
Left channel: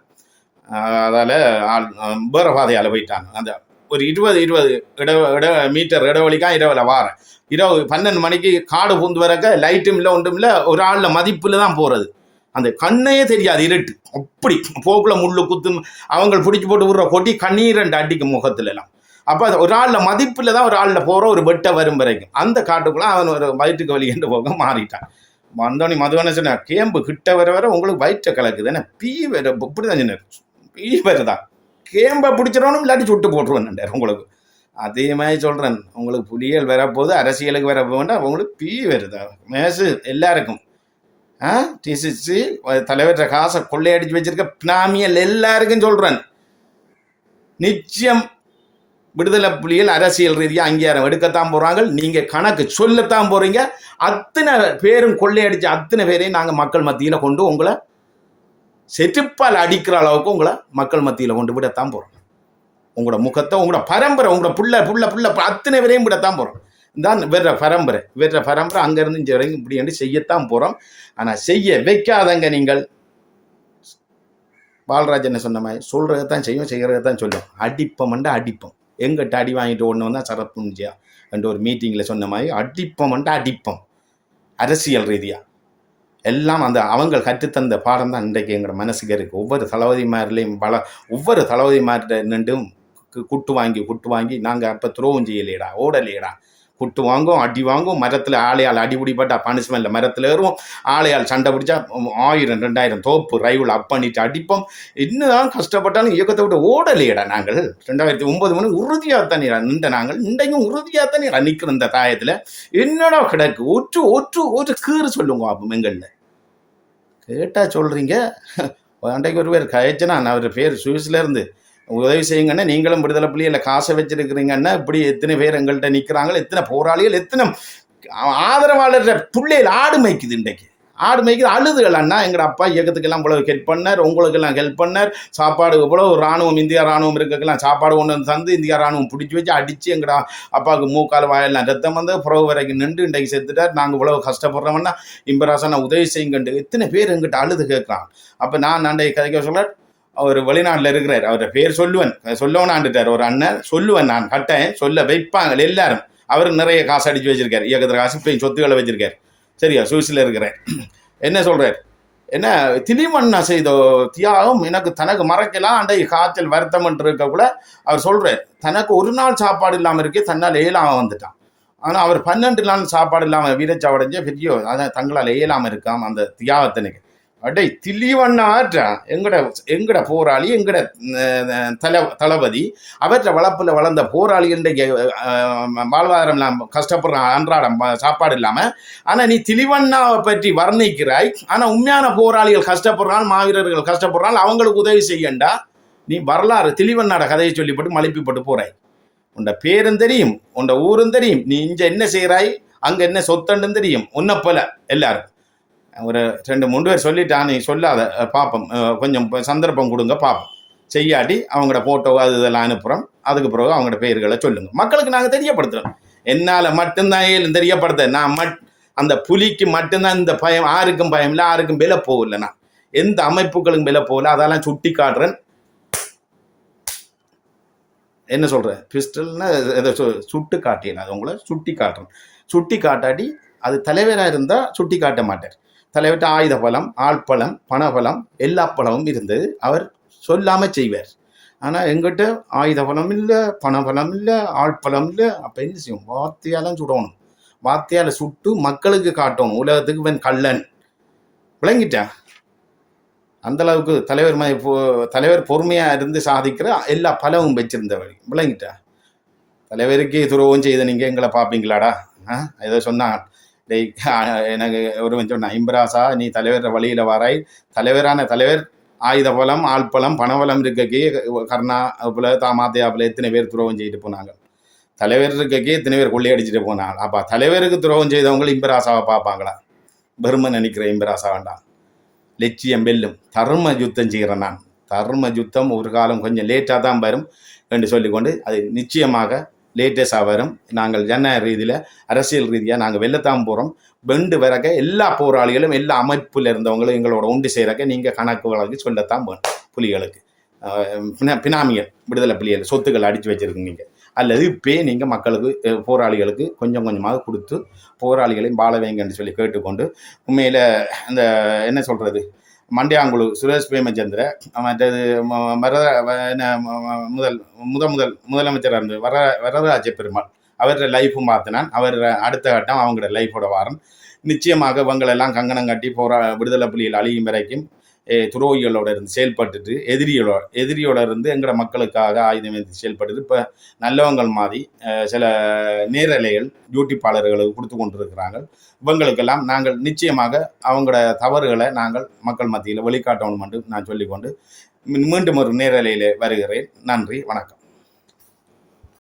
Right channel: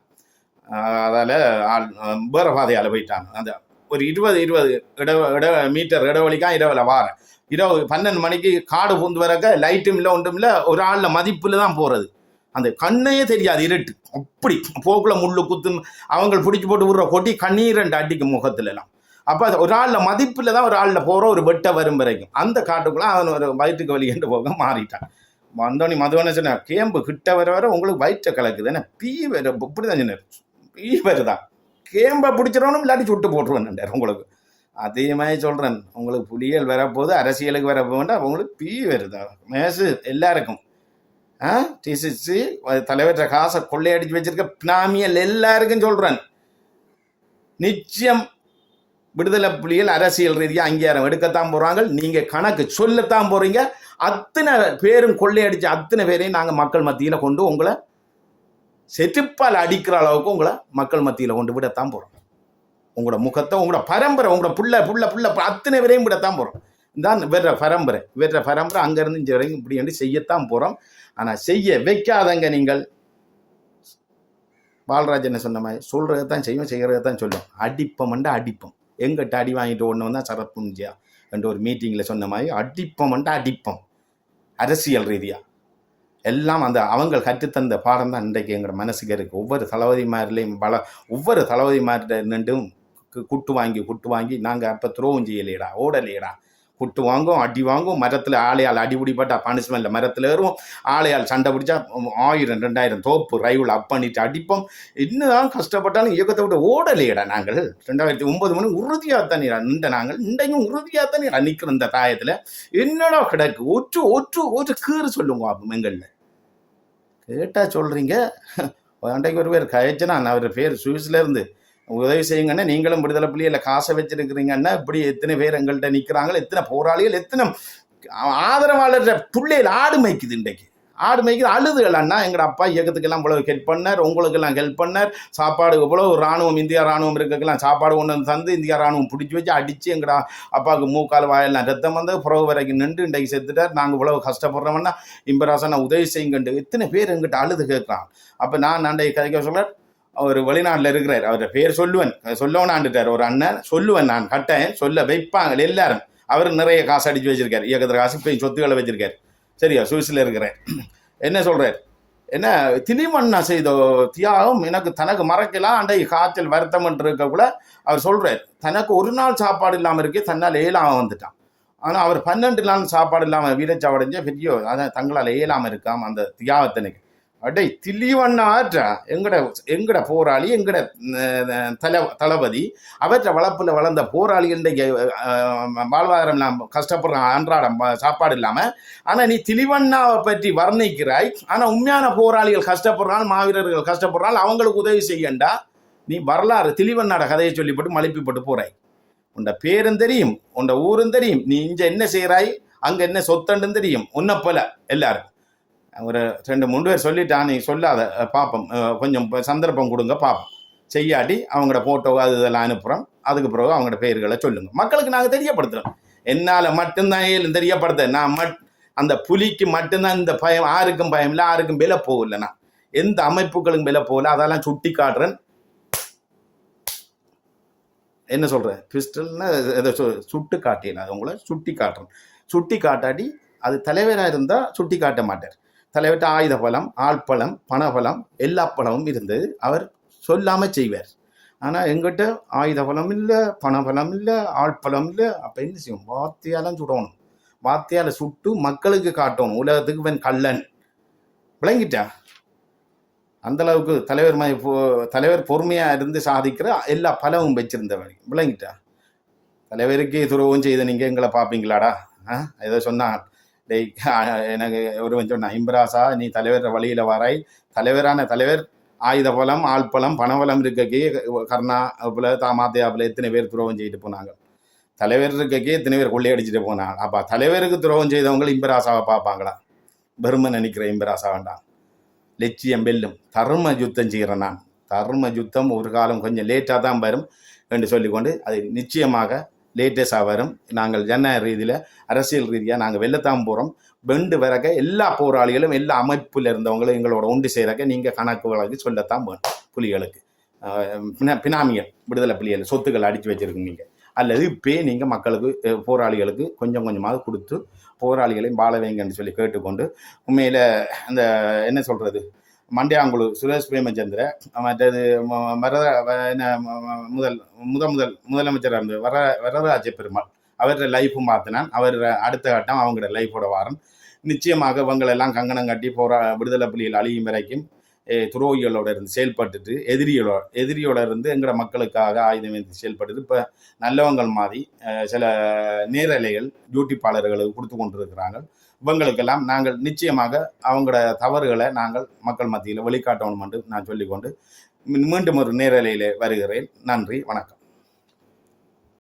அதால் வேற பாதையால் போயிட்டான். அந்த ஒரு 20 மீட்டர் இடைவெளிக்காக இரவில் வாரேன். 12 மணிக்கு காடு பூந்து வரக்க லைட்டும் இல்லை ஒன்றும் இல்லை. ஒரு ஆளில் மதிப்பில் தான் போகிறது. அந்த கண்ணையே தெரியாது இருட்டு. அப்படி போக்குல முள்ளு குத்தும். அவங்க பிடிச்சி போட்டு விடுற கொட்டி கண்ணீர் அடிக்கும் முகத்துல எல்லாம். அப்போ ஒரு ஆளில் மதிப்பில் தான் ஒரு ஆளில் போகிற ஒரு வெட்ட வரும் வரைக்கும் அந்த காட்டுக்குள்ளே அவன் ஒரு வயிற்றுக்கு வலி என்று போக மாறிட்டான். வந்தோடனே மதுவனை சொன்ன கேம்பு கிட்ட வர உங்களுக்கு வயிற்றை கலக்குது. என்ன பீ வர இப்படி தான் சொன்னார். பீ வருதான் கேம்பை பிடிச்சிடணும் இல்லாட்டி சுட்டு போட்டுருவேன் உங்களுக்கு. அதே மாதிரி சொல்கிறேன். உங்களுக்கு புலிகள் வரப்போது அரசியலுக்கு வர வேண்டாம். உங்களுக்கு பீ வருதா மேசு எல்லாருக்கும். டிசிசி தலைவர்கிட்ட காசை கொள்ளையடிச்சு வச்சிருக்க பினாமியல் எல்லாருக்கும் சொல்கிறேன். நிச்சயம் விடுதலை புலிகள் அரசியல் ரீதியாக அங்கீகாரம் எடுக்கத்தான் போகிறாங்க. நீங்கள் கணக்கு சொல்லத்தான் போகிறீங்க. அத்தனை பேரும் கொள்ளையடிச்சு அத்தனை பேரையும் நாங்கள் மக்கள் மத்தியில் கொண்டு உங்களை செருப்பால் அடிக்கிற அளவுக்கு உங்களை மக்கள் மத்தியில் கொண்டு விடத்தான் போகிறோம். உங்களோட முகத்தை உங்களோட பரம்பரை உங்களோட புள்ள அத்தனை பேரையும் விடத்தான் போகிறோம். தான் வேற பரம்பரை அங்கேருந்து இங்கே வரைக்கும் இப்படி என்று செய்யத்தான் போகிறோம். ஆனால் செய்ய வைக்காதங்க நீங்கள். பாலராஜன் சொன்ன மாதிரி சொல்கிறதான் செய்யும், செய்கிறதான் சொல்லும். அடிப்பம் எங்கிட்ட அடி வாங்கிட்டு ஒன்று வந்தால் சரப்புஞ்சியா என்ற ஒரு மீட்டிங்கில் சொன்ன மாதிரி அடிப்பம் அரசியல் ரீதியாக எல்லாம் அந்த அவங்க கற்றுத்தந்த பாடம் தான் இன்றைக்கு எங்களோட மனசுக்கு இருக்குது. ஒவ்வொரு தளபதிமார்கிட்ட நின்றும் குட்டு வாங்கி நாங்கள் அப்போ துரோகம் செய்யலையடா, ஓடலையடா. குட்டு வாங்கும், அடி வாங்கும். மரத்தில் ஆளையால் அடிபிடிப்பட்டா பனிஷ்மெண்ட்டில் மரத்தில் ஏறுவோம். ஆளையால் சண்டை பிடிச்சா 1000 2000 தோப்பு ரைவில் பண்ணிட்டு அடிப்போம். இன்னும் கஷ்டப்பட்டாலும் இயக்கத்தை விட்டு ஓடலையடா. நாங்கள் 2009 மணி உறுதியாக தானே நின்ற நாங்கள் இன்றைக்கும் உறுதியாக தானே நிற்கிற இந்த தாயத்தில் என்னடா கிடக்கு. ஒரு கீறு சொல்லுங்க அப்போ எங்களில் கேட்டால் சொல்கிறீங்க. அன்றைக்கு ஒரு பேர் கயச்சனா அவர் பேர் சுவிஸ்லேருந்து உதவி செய்யுங்கன்னா நீங்களும் விடுதலை புலியில் காசை வச்சிருக்கிறீங்கன்னா இப்படி எத்தனை பேர் எங்கள்கிட்ட நிற்கிறாங்க, எத்தனை போராளிகள், எத்தனை ஆதரவாளர் பிள்ளைகள் ஆடு மேய்க்குது. இன்றைக்கு ஆடு மேய்க்குது அழுதுகள். அண்ணா எங்கள் அப்பா இயக்கத்துக்கெல்லாம் இவ்வளோ ஹெல்ப் பண்ணார், உங்களுக்கெல்லாம் ஹெல்ப் பண்ணார். சாப்பாடு இவ்வளோ இராணுவம் இந்தியா இராணுவம் இருக்கெல்லாம் சாப்பாடு ஒன்று தந்து இந்தியா இராணுவம் பிடிச்சி வச்சு அடித்து எங்கடா அப்பாவுக்கு மூக்கால் வாயெல்லாம் ரத்தம் வந்து புறவு வரைக்கும் நின்று இன்றைக்கு செத்துட்டார். நாங்கள் இவ்வளோ கஷ்டப்படுறோம்னா இம்பராசா நான் உதவி செய்யுங்கண்டு எத்தனை பேர் எங்கிட்ட அழுது கேட்குறான். அப்போ நான் அன்றைக்கு கதைக்க சொல்ல அவர் வெளிநாட்டில் இருக்கிறார். அவரை பேர் சொல்லவனாண்டுட்டார் ஒரு அண்ணன். சொல்லுவேன் நான் கட்டேன் சொல்ல வைப்பாங்க எல்லாரும். அவருக்கு நிறைய காசு அடித்து வச்சிருக்காரு. இயக்கத்தில் காசு போய் சொத்துக்களை வச்சிருக்காரு. சரியா சுவிஸில் இருக்கிறார். என்ன சொல்கிறார், என்ன திணிமண்ணா செய்த தியாகம் எனக்கு தனக்கு மறக்கலாம். அன்றைக்கு காய்ச்சல் வருத்தம் இருக்கக்குள்ள அவர் சொல்கிறார் தனக்கு ஒரு நாள் சாப்பாடு இல்லாமல் இருக்கே தன்னால் ஏழாமல் வந்துட்டான். ஆனால் அவர் 12 நாள் சாப்பாடு இல்லாமல் வீரச்சாவடைஞ்ச பெரிய அதான் தங்களால் ஏழாமல் இருக்காம அந்த தியாகத்தினுக்கு அடை திலீவண்ணாற்ற எங்கட போராளி எங்கட தளபதி அவற்றை வளர்ப்பில் வளர்ந்த போராளி இன்றைக்கு வாழ்வாதாரம் இல்லாமல் கஷ்டப்படுறான் அன்றாடம் சாப்பாடு இல்லாமல். ஆனால் நீ திலீவண்ணாவை பற்றி வர்ணிக்கிறாய். ஆனால் உண்மையான போராளிகள் கஷ்டப்படுறான், மாவீரர்கள் கஷ்டப்படுறான், அவங்களுக்கு உதவி செய்யண்டா. நீ வரலாறு திலீவண்ணாட கதையை சொல்லிப்பட்டு மலிப்பிப்பட்டு போறாய். உண்ட பேரும் தெரியும், உண்ட ஊரும் தெரியும், நீ இங்கே என்ன செய்கிறாய், அங்கே என்ன சொத்தண்டுன்னு தெரியும். உன்னை போல எல்லாரும் ஒரு 2-3 பேர் சொல்லிட்டான். நீ சொல்லாத பார்ப்போம், கொஞ்சம் சந்தர்ப்பம் கொடுங்க பார்ப்போம். செய்யாட்டி அவங்களோட ஃபோட்டோ அது இதெல்லாம் அனுப்புகிறோம். அதுக்கு பிறகு அவங்களோட பேர்களை சொல்லுங்கள். மக்களுக்கு நாங்கள் தெரியப்படுத்துகிறோம். என்னால் மட்டும்தான் தெரியப்படுத்த. நான் அந்த புலிக்கு மட்டும்தான் இந்த பயம். யாருக்கும் பயம் இல்லை, யாருக்கும் விலை போகலைண்ணா. எந்த அமைப்புகளும் மேல போல அதெல்லாம் சுட்டி காட்டுறேன். என்ன சொல்கிறேன், பிஸ்டல்னா இதை சுட்டு காட்டினேன், அது உங்களை சுட்டி காட்டுறேன். சுட்டி காட்டாட்டி அது தலைவராக இருந்தால் சுட்டி காட்ட மாட்டார். தலைவர்கிட்ட ஆயுத பலம், ஆழ்பலம், பணபலம், எல்லா பலமும் இருந்தது. அவர் சொல்லாமல் செய்வார். ஆனால் எங்கிட்ட ஆயுத பலம் இல்லை, பணபலம் இல்லை, ஆழ்பலம் இல்லை. அப்போ என்ன செய்யும், வார்த்தையாலும் சுடணும். வார்த்தையால் சுட்டு மக்களுக்கு காட்டணும், உலகத்துக்கு இவன் கள்ளன். விளங்கிட்டா? அந்த அளவுக்கு தலைவர் பொறுமையாக இருந்து சாதிக்கிற எல்லா பலவும் வச்சிருந்தவழி. விளங்கிட்டா? தலைவருக்கு துரோகம் செய்த நீங்கள் எங்களை பார்ப்பீங்களாடா? ஏதோ சொன்னான், எனக்கு ஒருவன் சொன்னான், இம்பராசா நீ தலைவர் வழியில் வாராய், தலைவர் ஆயுத பலம், ஆழ்பலம், பணபலம் இருக்கக்கே கர்ணா போல தாமாத்தையாப்புல எத்தனை பேர் துரோகம் செய்துட்டு போனாங்க. தலைவர் இருக்கக்கே எத்தனை பேர் கொள்ளையடிச்சிட்டு போனாங்க. அப்போ தலைவருக்கு துரோகம் செய்தவங்க இம்பராசாவை பார்ப்பாங்களா? பெருமை நினைக்கிற இம்பராசா வேண்டாம். லட்சியம் வெல்லும். தர்ம யுத்தம் செய்கிறேன் நான். தர்ம யுத்தம் ஒரு காலம் கொஞ்சம் லேட்டாக தான் வரும் என்று சொல்லிக்கொண்டு அது நிச்சயமாக லேட்டஸ்டாக வரும். நாங்கள் ஜனநாயக ரீதியில், அரசியல் ரீதியாக நாங்கள் வெல்லத்தான் போகிறோம். வெண்டு வரக்க எல்லா போராளிகளும் எல்லா அமைப்பில் இருந்தவங்களும் எங்களோட ஒன்று செய்கிறக்க நீங்கள் கணக்கு வழக்கு சொல்லத்தான் வேணும். புலிகளுக்கு பினாமிகள், விடுதலை புலிகள் சொத்துக்கள் அடித்து வச்சுருக்கீங்க, அல்லது இப்போ நீங்கள் மக்களுக்கு போராளிகளுக்கு கொஞ்சம் கொஞ்சமாக கொடுத்து போராளிகளையும் வாழ வைங்கன்னு சொல்லி கேட்டுக்கொண்டு, உண்மையில் அந்த என்ன சொல்கிறது, மண்டையாங்குழு சுரேஷ் பிரேமச்சந்திர, மற்றது முதலமைச்சராக இருந்து வரதராஜ பெருமாள், அவரோட லைஃப்பும் பார்த்தினான். அவர் அடுத்த கட்டம் அவங்களோட லைஃபோட வாரம். நிச்சயமாக இவங்களெல்லாம் கங்கணம் கட்டி விடுதலை புலிகள் அழியும் வரைக்கும் துரோகிகளோட இருந்து செயல்பட்டுட்டு எதிரியோட இருந்து எங்களோட மக்களுக்காக ஆயுதம் எடுத்து செயல்பட்டுட்டு இப்போ நல்லவங்கள் மாதிரி சில நேரலைகள் யூடியூப்பாளர்களுக்கு கொடுத்து கொண்டிருக்கிறாங்க. இவங்களுக்கெல்லாம் நாங்கள் நிச்சயமாக அவங்களோட தவறுகளை நாங்கள் மக்கள் மத்தியில் வெளிக்காட்டணும் என்று நான் சொல்லிக்கொண்டு மீண்டும் ஒரு நேரலையில் வருகிறேன். நன்றி, வணக்கம்.